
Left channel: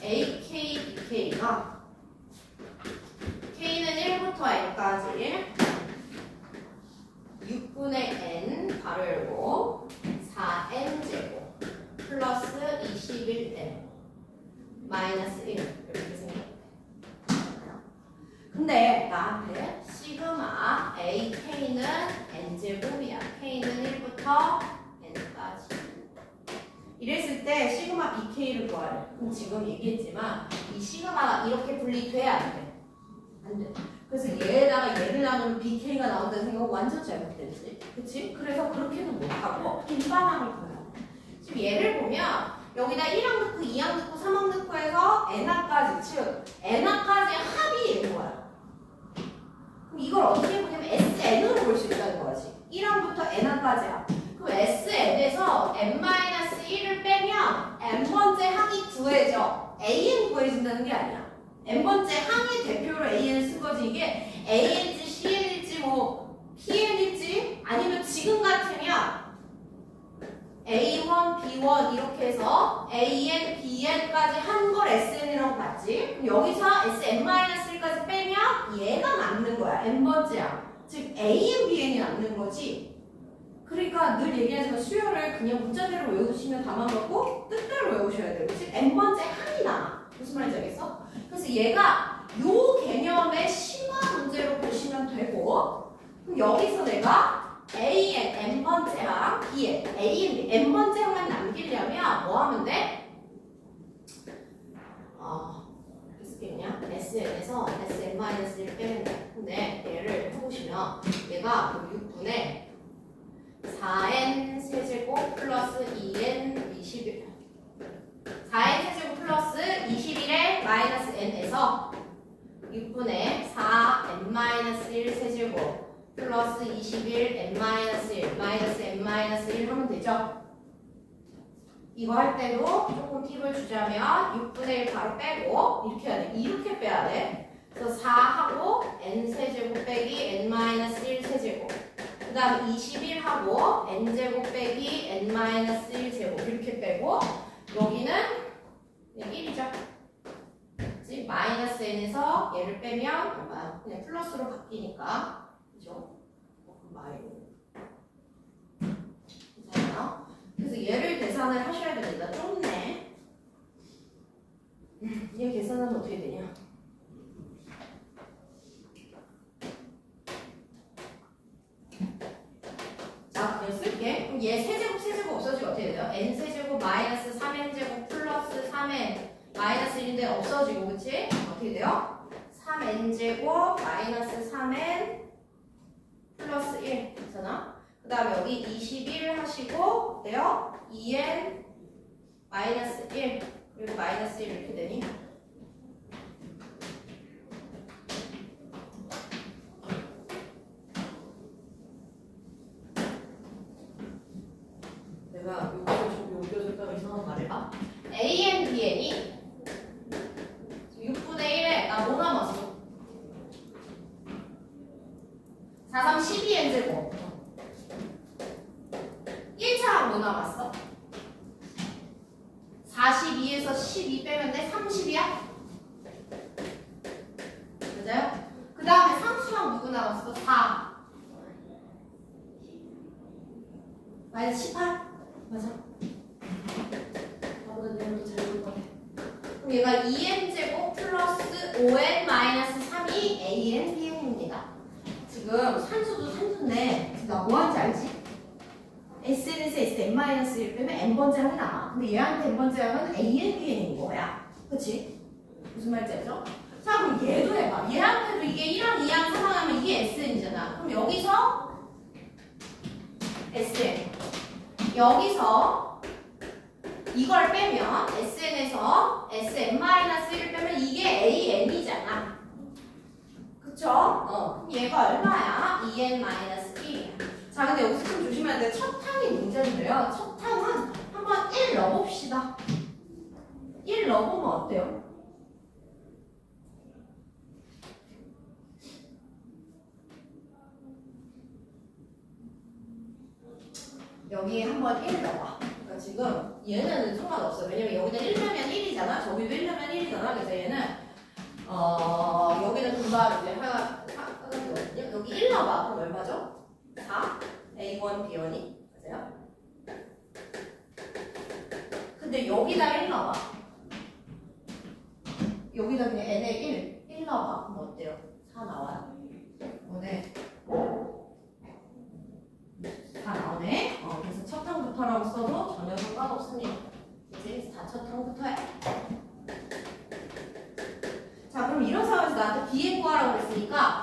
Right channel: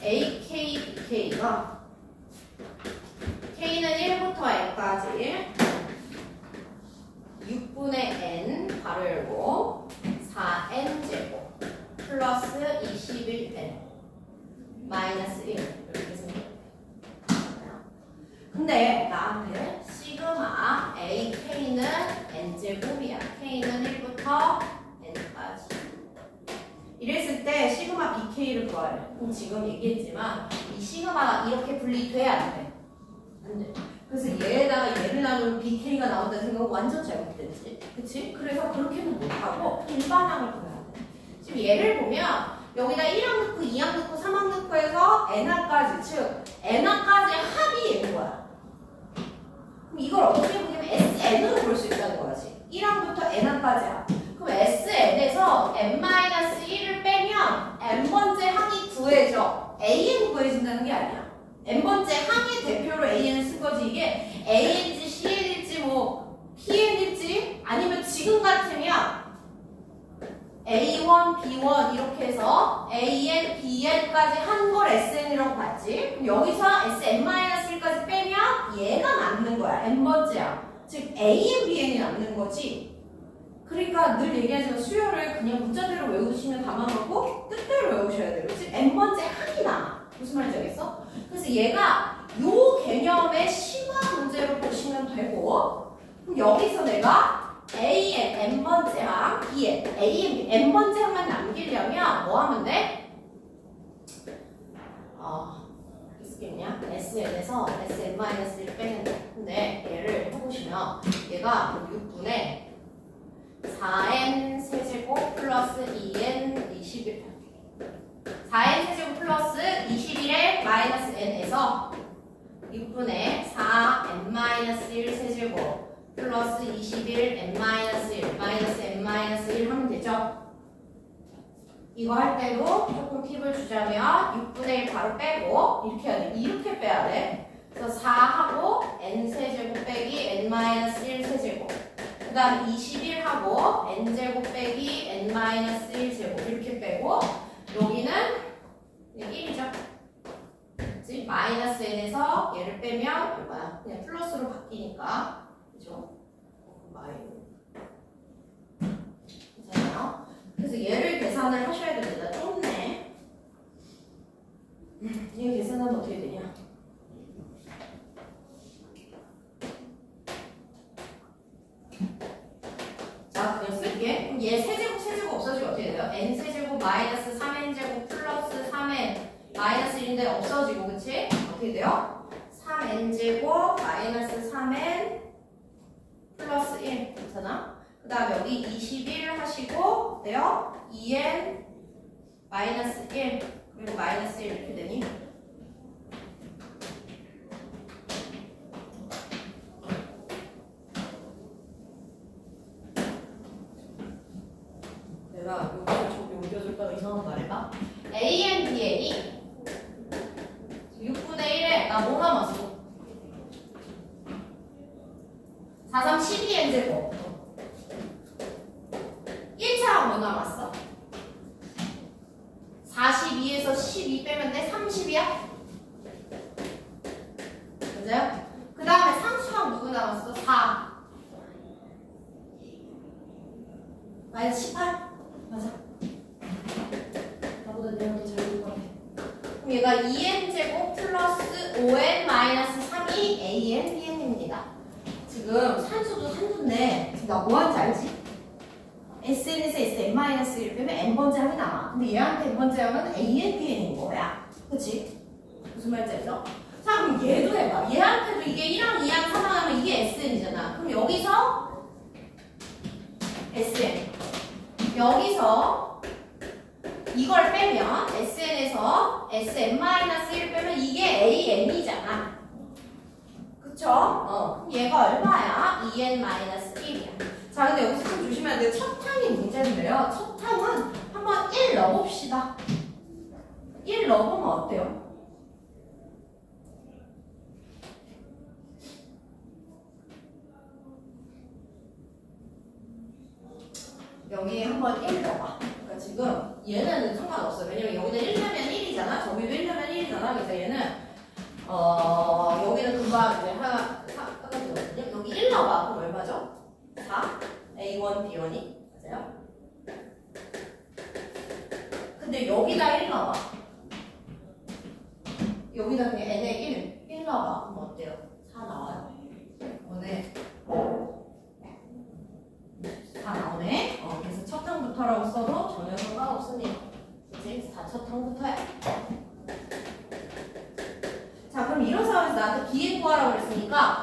AK, BK가 K는 1부터 N까지 6분의 N 괄호 열고 4N제곱 플러스 21N 마이너스 1 이렇게 생겨요. 근데 나한테 시그마 AK는 N제곱이야. K는 1부터 N까지 이랬을 때 시그마 BK를 구하래. 그럼 지금 얘기했지만 이 시그마가 이렇게 분리돼야 안 돼. 안 돼. 그래서 얘에다가 얘를 나누면 BK가 나온다는 생각은 완전 잘못됐지. 그치? 그래서 그렇게는 못하고 일반항을 구해야 돼. 지금 얘를 보면 여기다 1항 넣고 2항 넣고 3항 넣고 해서 n항까지 즉 n항까지 합이 얘인 거야. 그럼 이걸 어떻게 보냐면 SN으로 볼 수 있다는 거지. 1항부터 n항까지 합. 그럼 SN에서 n-1을 빼면 n번째 항이 구해져. AN 구해진다는 게 아니야. n번째 항의 대표로 AN을 쓴 거지. 이게 AN일지 CN일지 뭐 PN일지 아니면 지금 같으면 A1, B1 이렇게 해서 AN, BN까지 한 걸 SN이라고 봤지. 그럼 여기서 SN-1까지 빼면 얘가 남는 거야. n번째야. 즉 AN, BN이 남는 거지. 그러니까 늘 얘기하지만 수열을 그냥 문자대로 외우시면 감아놓고 뜻대로 외우셔야 돼요. 즉 n번째 항이 남아. 무슨 말인지 알겠어? 그래서 얘가 요 개념의 심화 문제로 보시면 되고 그럼 여기서 내가 AN, n번째 항, BN, AN, B, n번째 항만 남기려면 뭐 하면 돼? 어떻게 쓰겠냐? SN에서 SN-1 빼면 돼. 근데 얘를 해보시면 얘가 6분의 4n 세제곱 플러스 2n 21 4n 세제곱 플러스 21의 마이너스 n에서 6분의 4n-1 세제곱 플러스 21 n-1 마이너스 n-1 하면 되죠? 이거 할 때도 조금 팁을 주자면 6분의 1 바로 빼고 이렇게 해야 돼. 이렇게 빼야 돼. 그래서 4하고 n 세제곱 빼기 n-1 세제곱 그 다음 21하고 n제곱 빼기 n-1제곱 이렇게 빼고 여기는 1이죠. 그치? 마이너스 n에서 얘를 빼면 얼마야? 그냥 플러스로 바뀌니까 그죠? 괜찮아요? 그래서 얘를 계산을 하셔야 됩니다. 좁네. 얘 계산하면 어떻게 되냐? 자, 그냥 쓸게. 그럼 얘 세제곱 없어지면 어떻게 돼요? n 세제곱 마이너스 3n제곱 플러스 3n 마이너스 1인데 없어지고, 그치? 어떻게 돼요? 3n제곱 마이너스 3n 플러스 1. 괜찮아? 그 다음에 여기 21 하시고 어때요? 2n 마이너스 1 그리고 마이너스 1 이렇게 되니? 내가 여기서 좀 옮겨줄까가 이상한 거 말해봐. AN, BN이 6분의 1에 나 뭐 남았어? 4, 3, 12n 제곱 1차랑 뭐 남았어? 42에서 12 빼면 돼? 30이야? 그죠? 그 다음에 상수랑 누구 남았어? 4 마이너스 18? 맞아. 나보다 내가 더 잘 볼 것 같아. 그럼 얘가 2n제곱 플러스 5n 마이너스 3이 an, bn입니다. 지금 산수도 산수인데 지금 나 뭐 하는지 알지? SN에서 SN-1 빼면 n번째 항이 남아. 근데 얘한테 n번째 항은 AN, BN인 거야. 그치? 무슨 말인지 알죠? 자, 그럼 얘도 해봐. 얘한테도 이게 1항, 2항, 3항 하면 이게 SN이잖아. 그럼 여기서 SN. 여기서 이걸 빼면 SN에서 SN-1 빼면 이게 AN이잖아. 그쵸? 그럼 얘가 얼마야? 2n-1이야. 자, 근데 여기서 좀 조심해야 돼요. 첫 항이 문제인데요. 첫 항은 한번 1 넣어봅시다. 1 넣어보면 어때요? 여기에 한번 1 넣어봐. 그러니까 지금 얘는 상관없어요. 왜냐면 여기는 1면 1이잖아. 저기도 1면 1이잖아. 그래서 얘는 여기는 금방 이제 하나 여기 1 넣어봐. 그럼 얼마죠? 4 A1, B1이 맞아요? 근데 여기다 1 넣어봐. 여기다 그냥 N에 1 넣어봐. 그럼 어때요? 4 나와요. 오네. 4 나오네. 그래서 첫 항부터라고 써도 전혀 상관없습니다. 그치? 다 첫 항부터야. 자, 그럼 이런 상황에서 나한테 BN 구하라고 그랬으니까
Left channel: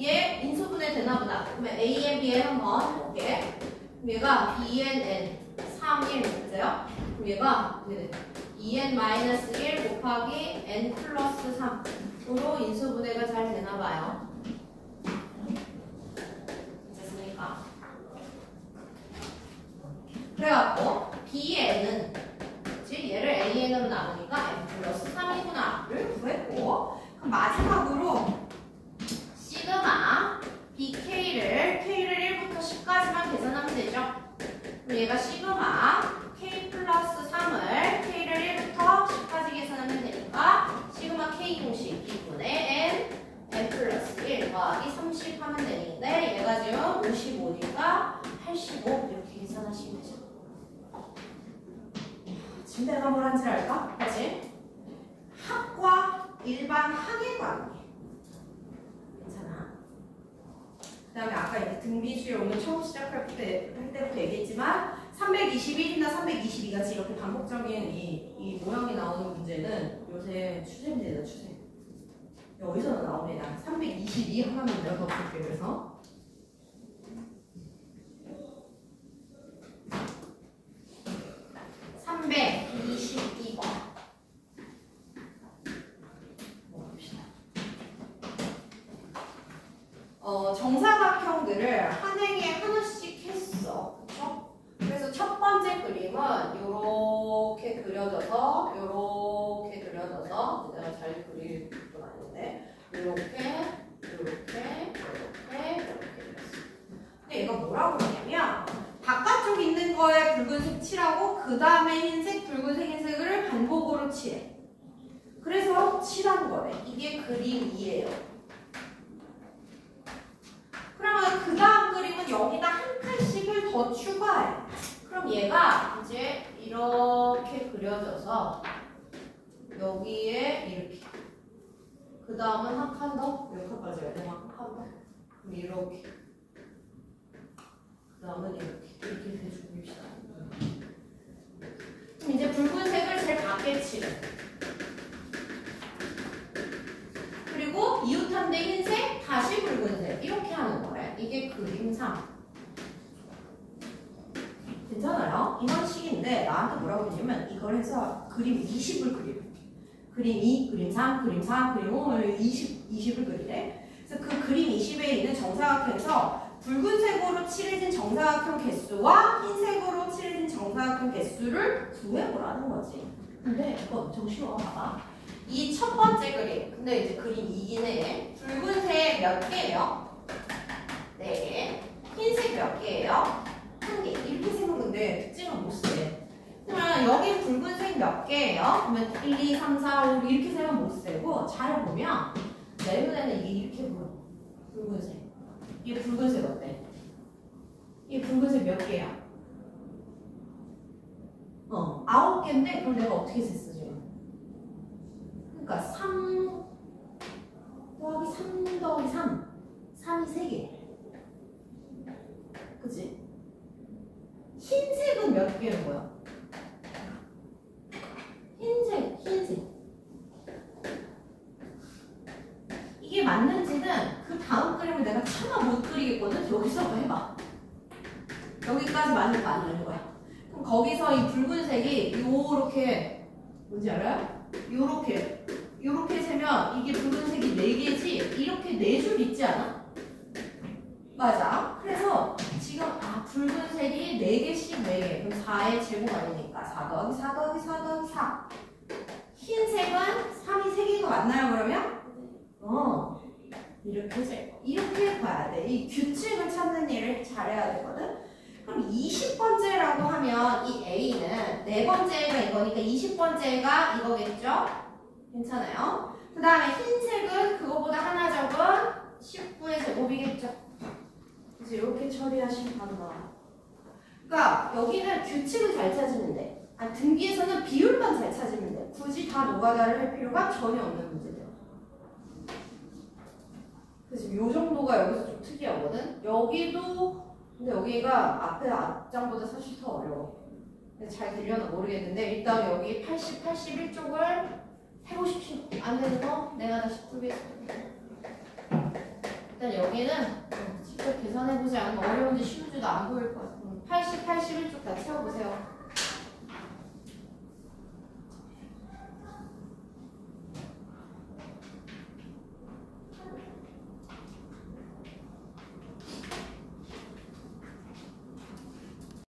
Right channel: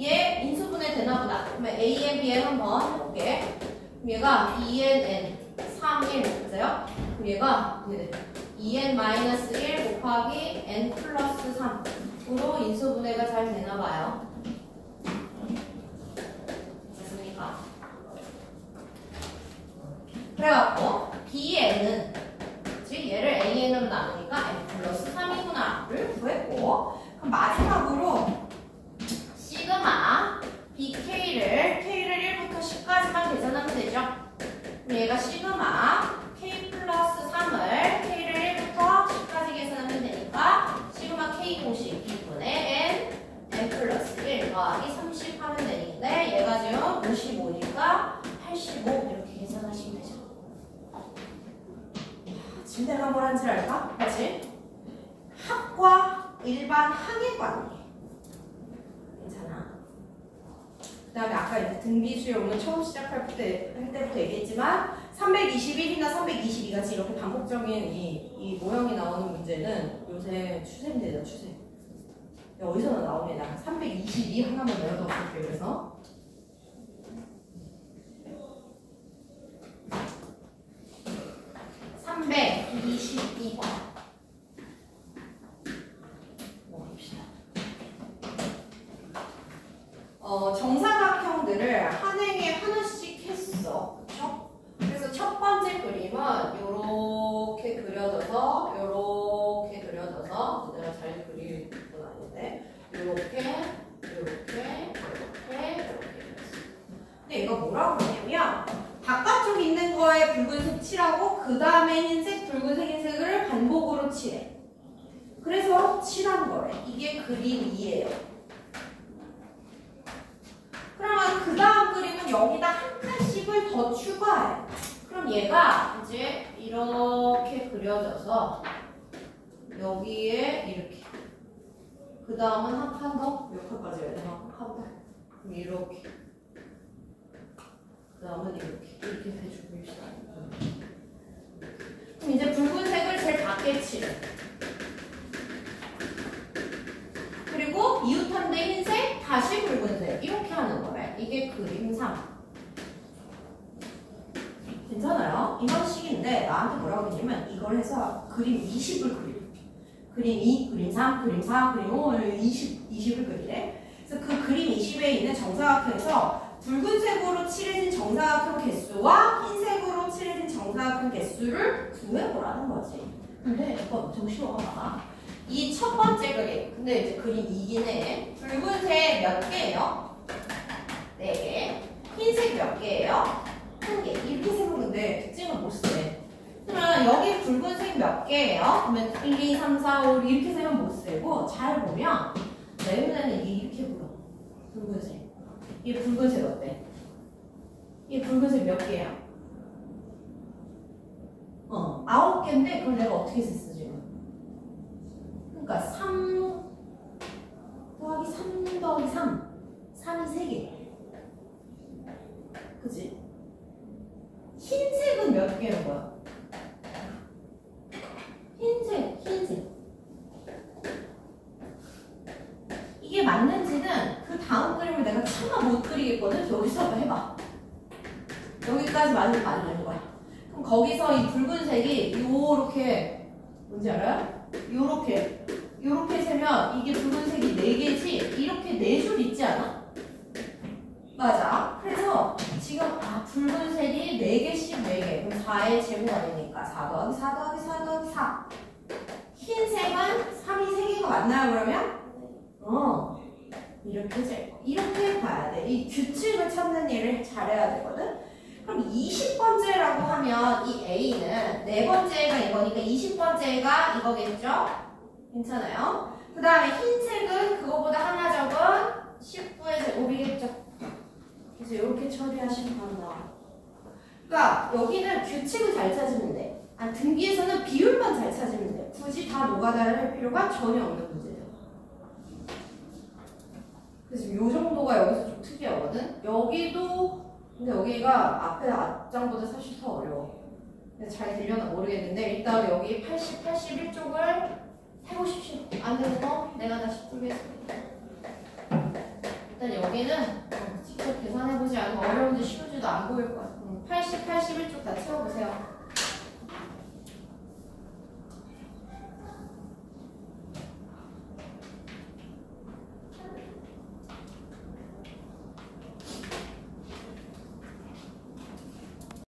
얘 인수분해 되나 보다. 그러면 AN, BN 한번 해볼게. 그럼 얘가 BNN 3, 1 맞아요? 그럼 얘가 2n-1 곱하기 n 플러스 3으로 인수분해가 잘 되나 봐요. 됐습니까? 그래갖고 BN은 즉 얘를 AN으로 나누니까 n 플러스 3이구나를 구했고, 그럼 마지막으로 시그마 BK를 K를 1부터 10까지만 계산하면 되죠. 그럼 얘가 시그마 K 플러스 3을 K를 1부터 10까지 계산하면 되니까 시그마 K 공식 B분의 N 플러스 1 더하기 30 하면 되는데 얘가 지금 55니까 85 이렇게 계산하시면 되죠. 지금 내가 뭘 한지 알까? 그치? 합과 일반 항의 관계. 그 다음에 아까 이제 등비수에 오늘 처음 시작할 때부터 얘기했지만 321이나 322같이 이렇게 반복적인 이 모형이 나오는 문제는 요새 추세입니다. 추세. 어디서나 나옵니다. 322 하나만 내가 더 볼게요. 그래서 322번 정사각형들을 한 행에 하나씩 했어. 그쵸? 그래서 첫 번째 그림은 요렇게 그려져서 내가 잘 그릴 건 아닌데 요렇게 그랬어. 근데 이거 뭐라고 그러냐면 바깥쪽 있는 거에 붉은색 칠하고 그 다음에 흰색, 붉은색, 흰색을 반복으로 칠해. 그래서 칠한 거래. 이게 그림 2예요. 그러면 그 다음 그림은 여기다 한 칸씩을 더 추가해. 그럼 얘가 이제 이렇게 그려져서 여기에 이렇게. 그 다음은 한 칸 더? 몇 칸까지 해야 되나? 한 칸 더? 그럼 이렇게. 그 다음은 이렇게 해주고 봅시다. 그럼 이제 붉은색을 제일 밝게 칠해. 그리고 이웃한데 흰색, 다시 붉은색 이렇게 하는 거래. 이게 그림 3. 괜찮아요? 그리는데 나한테 뭐라고 그랬냐면 이걸 해서 그림 20을 그리래. 그림 2, 그림 3, 그림 4, 그림 5, 20을 그리래. 그래서 그 그림 20에 있는 정사각형에서 붉은색으로 칠해진 정사각형 개수와 흰색으로 칠해진 정사각형 개수를 구해보라는 거지. 근데 이거 엄청 쉬워. 봐봐. 이 첫 번째 그림. 근데 이제 그림 2긴 해. 붉은색 몇 개예요? 4개. 흰색 몇 개예요? 1개. 이렇게 세면 근데 특징을 못 세. 그러면 여기 붉은색 몇 개예요? 그러면 1, 2, 3, 4, 5 이렇게 세면 못 세고 잘 보면 내 눈에는 이게 이렇게 보여. 붉은색. 이게 붉은색 어때? 이게 붉은색 몇 개야? 9개인데 그럼 내가 어떻게 셌어 지금? 그러니까 3 더하기 3 더하기 3 3이 3개. 그치? 흰색은 몇 개인 거야? 흰색. 이게 맞는지는 그 다음 그림을 내가 차마 못 그리겠거든? 여기서 해봐. 여기까지 맞는 거야. 그럼 거기서 이 붉은색이 요렇게, 뭔지 알아요? 요렇게 세면 이게 붉은색이 4개지? 이렇게 4줄 있지 않아? 맞아. 그래서 지금 붉은색이 4개씩 4개. 그럼 4의 제곱가 되니까 4 더하기 4 더하기 4 더하기 4. 흰색은 3이 3개가 맞나요 그러면? 이렇게 될 이렇게 가야 돼. 이 규칙을 찾는 일을 잘해야 되거든. 그럼 20번째라고 하면 이 A는 4번째가 이거니까 20번째가 이거겠죠? 괜찮아요? 그 다음에 흰색은 그거보다 하나 적은 19의 제곱이겠죠? 그래서 이렇게 처리하시면 하는 거야. 그러니까 여기는 규칙을 잘 찾으면 돼. 등기에서는 비율만 잘 찾으면 돼. 굳이 다 노가다를 할 필요가 전혀 없는 문제예요. 그래서 요 정도가 여기서 좀 특이하거든. 여기도 근데 여기가 앞에 앞장보다 사실 더 어려워. 근데 잘 들려나 모르겠는데 일단 여기 80, 81쪽을 해보십시오. 안 되는 거 내가 다시 풀겠습니다. 일단 여기는 직접 계산해보지 않으면 어려운지 쉬운지도 안 보일 거야. 80, 81쪽 다 채워보세요.